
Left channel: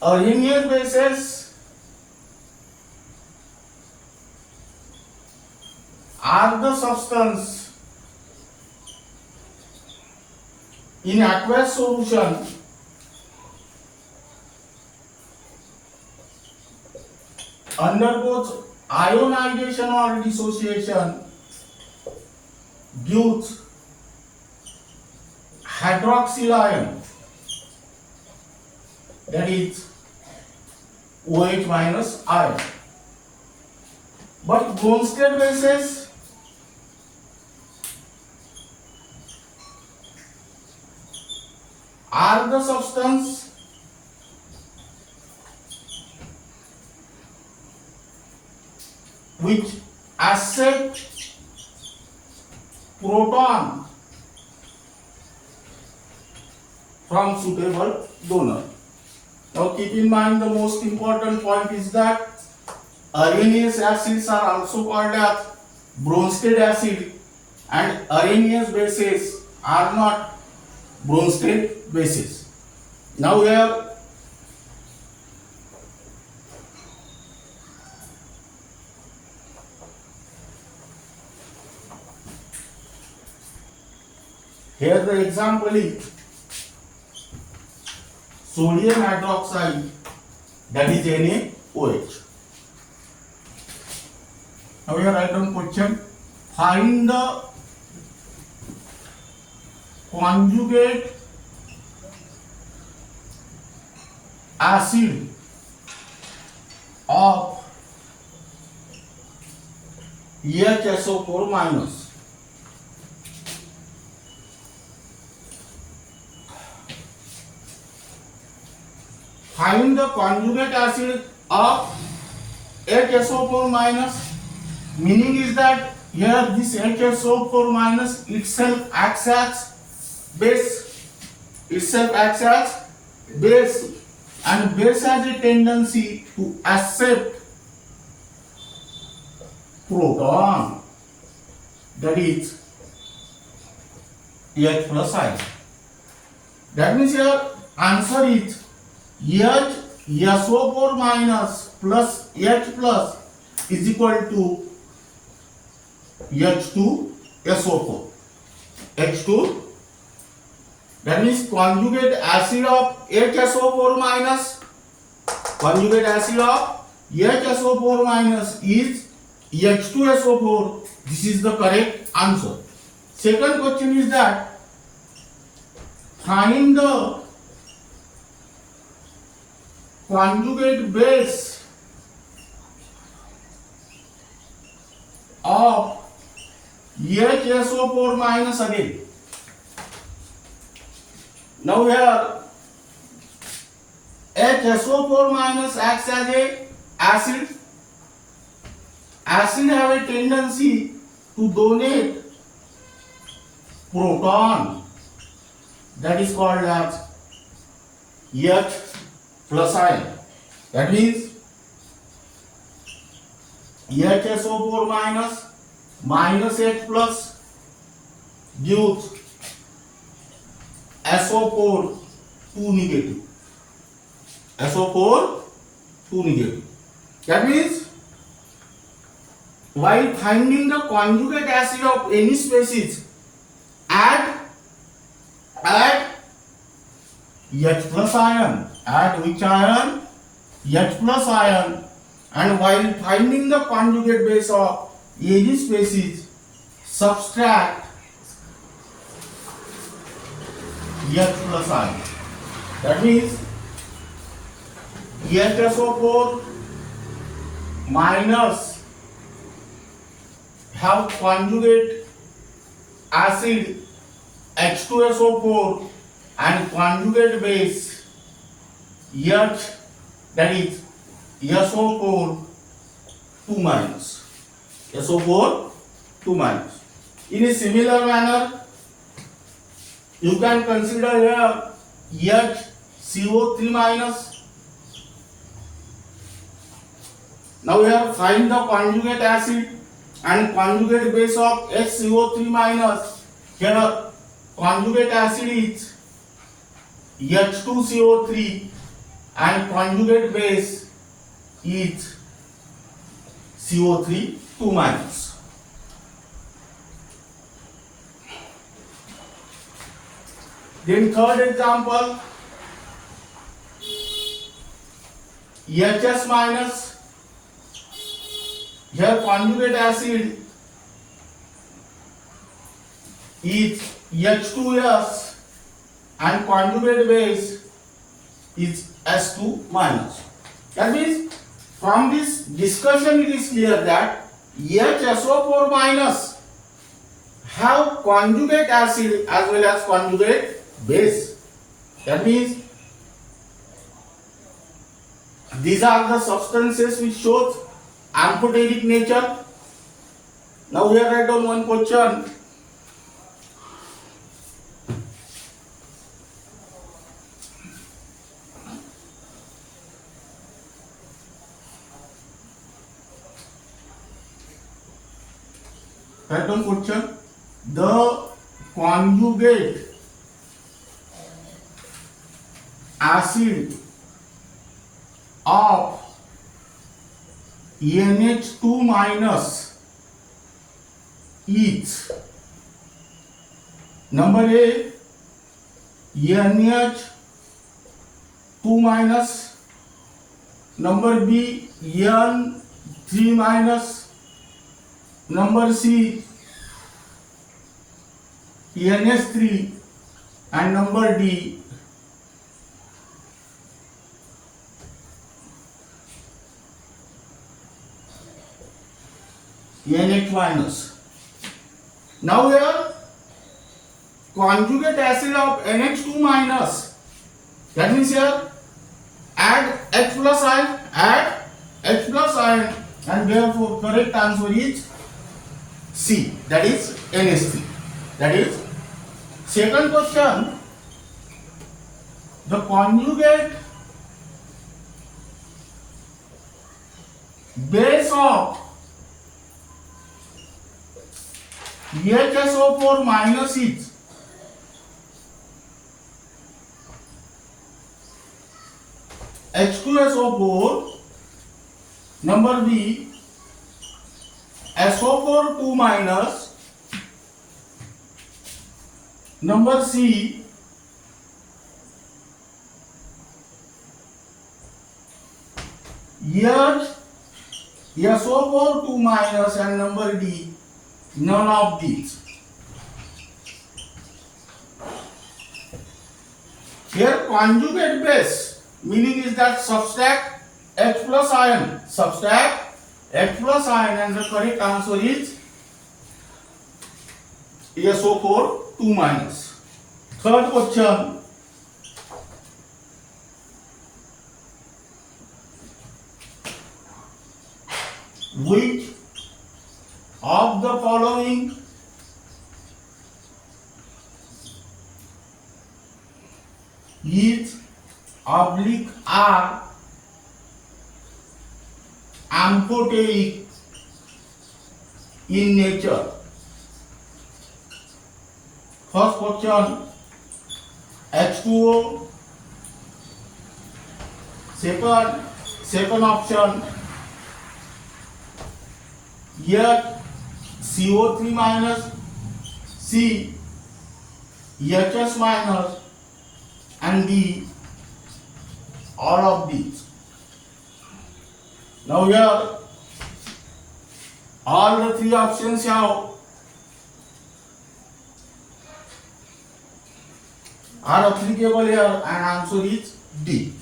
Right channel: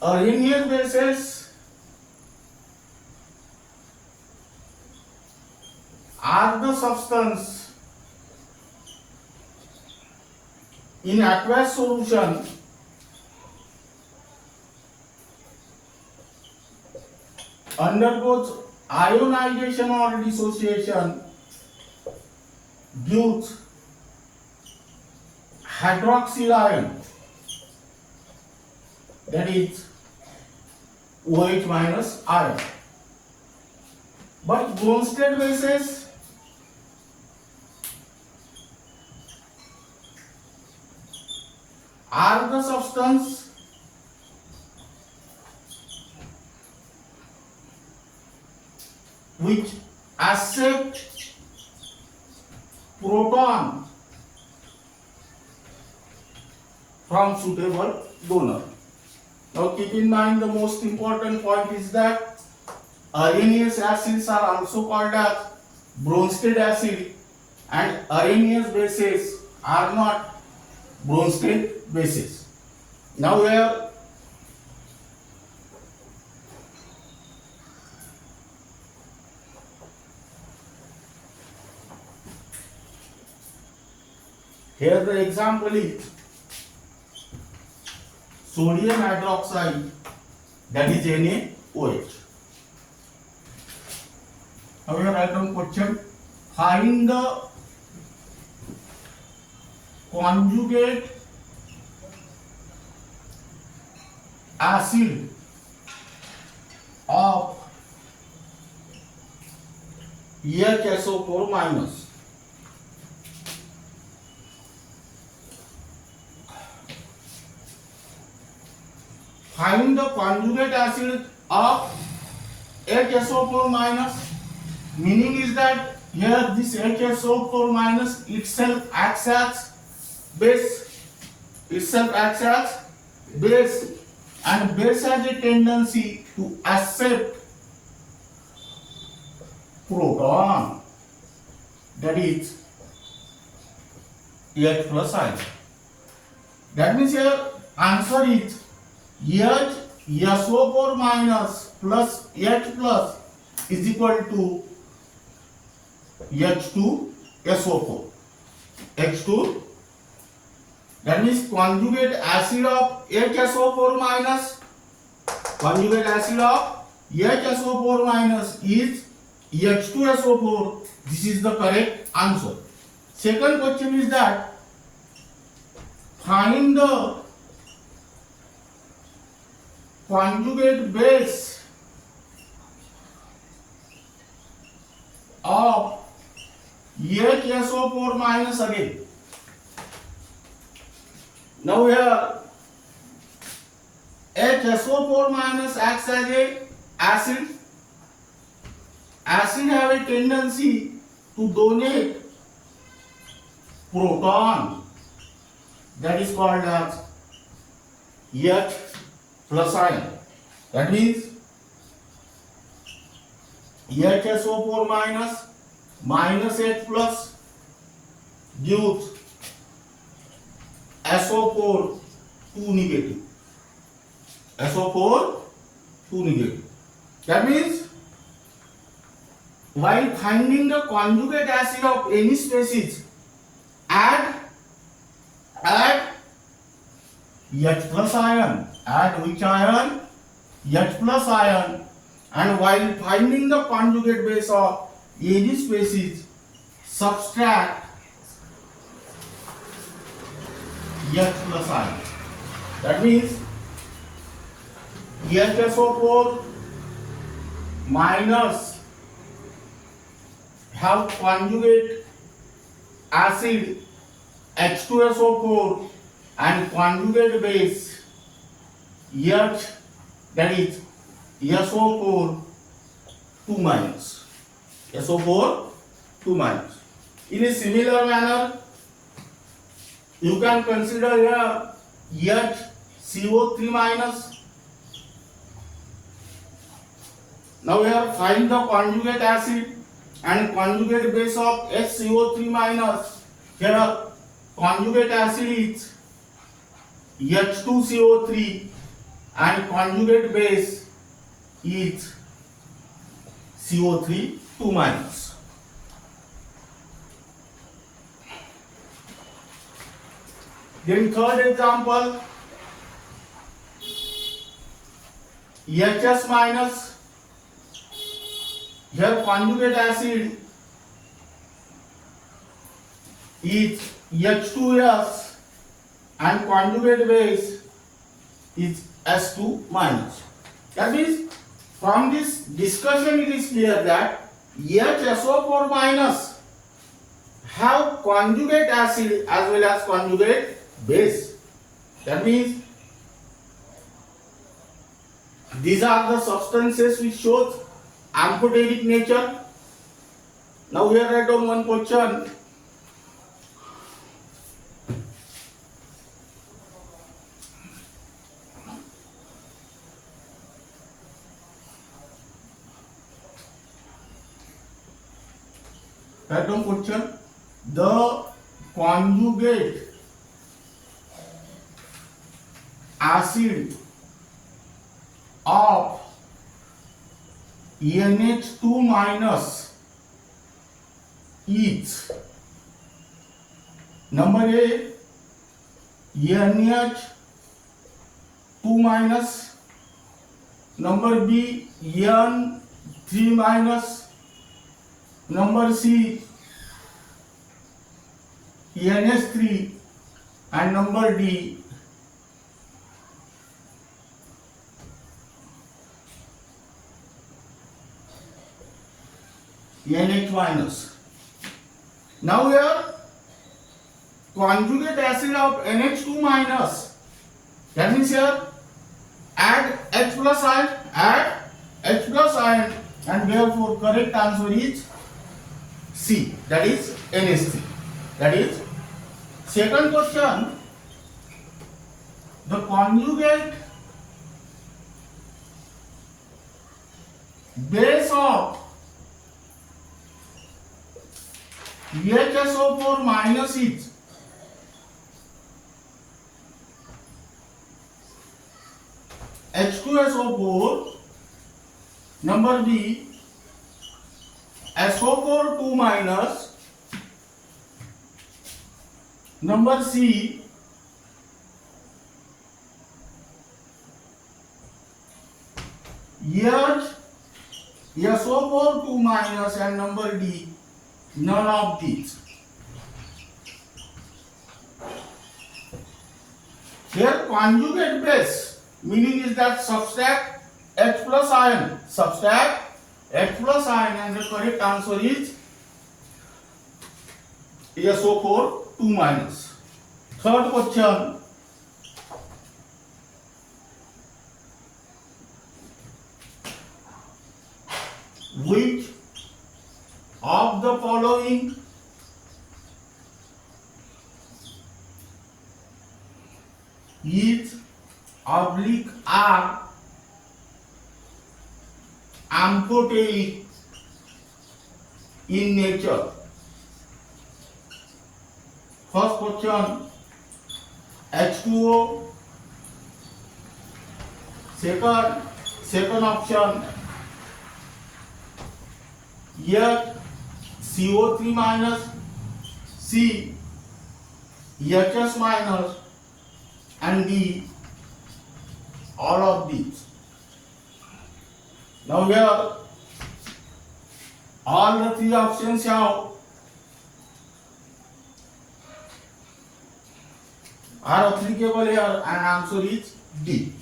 Arrhenius bases are the substance in aqueous solution undergoes ionization or dissociation due to hydroxyl ion, that is OH minus ion. But Bronsted bases are the substance which accept proton from suitable donor. Now keep in mind, the most important point is that Arrhenius acids are also called as Bronsted acid and Arrhenius bases are not Bronsted bases. Now here Here the example is sodium hydroxide, that is NaOH. Now we are write down question. Find the conjugate acid of HSO4 minus. Find the conjugate acid of HSO4 minus, meaning is that here this HSO4 minus itself acts as base, and base has a tendency to accept proton, that is H plus I. That means here answer is HSO4 minus plus H plus is equal to H2SO4. H2, that means conjugate acid of HSO4 minus, conjugate acid of HSO4 minus is H2SO4. This is the correct answer. Second question is that find the conjugate base of HSO4 minus again. Now here HSO4 minus acts as a acid. Acid have a tendency to donate proton, that is called as H plus ion. That means HSO4 minus H plus gives SO4 2 negative. SO4 2 negative. That means while finding the conjugate acid of any species, add H plus ion. Add which ion? H plus ion. And while finding the conjugate base of any species, subtract H plus ion. That means HSO4 minus have conjugate acid H2SO4 and conjugate base H, that is SO4 2 minus. SO4 2 minus. In a similar manner, you can consider here HCO3 minus. Now here find the conjugate acid and conjugate base of HCO3 minus. Here conjugate acid is H2CO3 and conjugate base is CO3 2 minus. Then third example, HS minus. Here conjugate acid is H2S and conjugate base is S2 minus. That means from this discussion it is clear that HSO4 minus have conjugate acid as well as conjugate base. That means these are the substances which shows amphoteric nature. Now here write down one question. Write down question. The conjugate acid of NH2 minus is Number A, NH2 minus. Number B, N3 minus. Number C, NH3, and number D, NH minus. Now here conjugate acid of NH2 minus, that means here add H plus ion, and therefore correct answer is C, that is NH3. That is second question. The conjugate base of HSO4 minus is H2SO4, number B SO4 2 minus, number C SO4 2 minus, and number D none of these. Here conjugate base meaning is that subtract H plus ion, and the correct answer is SO4 2 minus. Third question. Which of the following is (R) amphoteric in nature? First question, H2O. Second option, here CO3 minus, C HS minus, and D all of these. Now here all the three options are applicable here, and answer is D.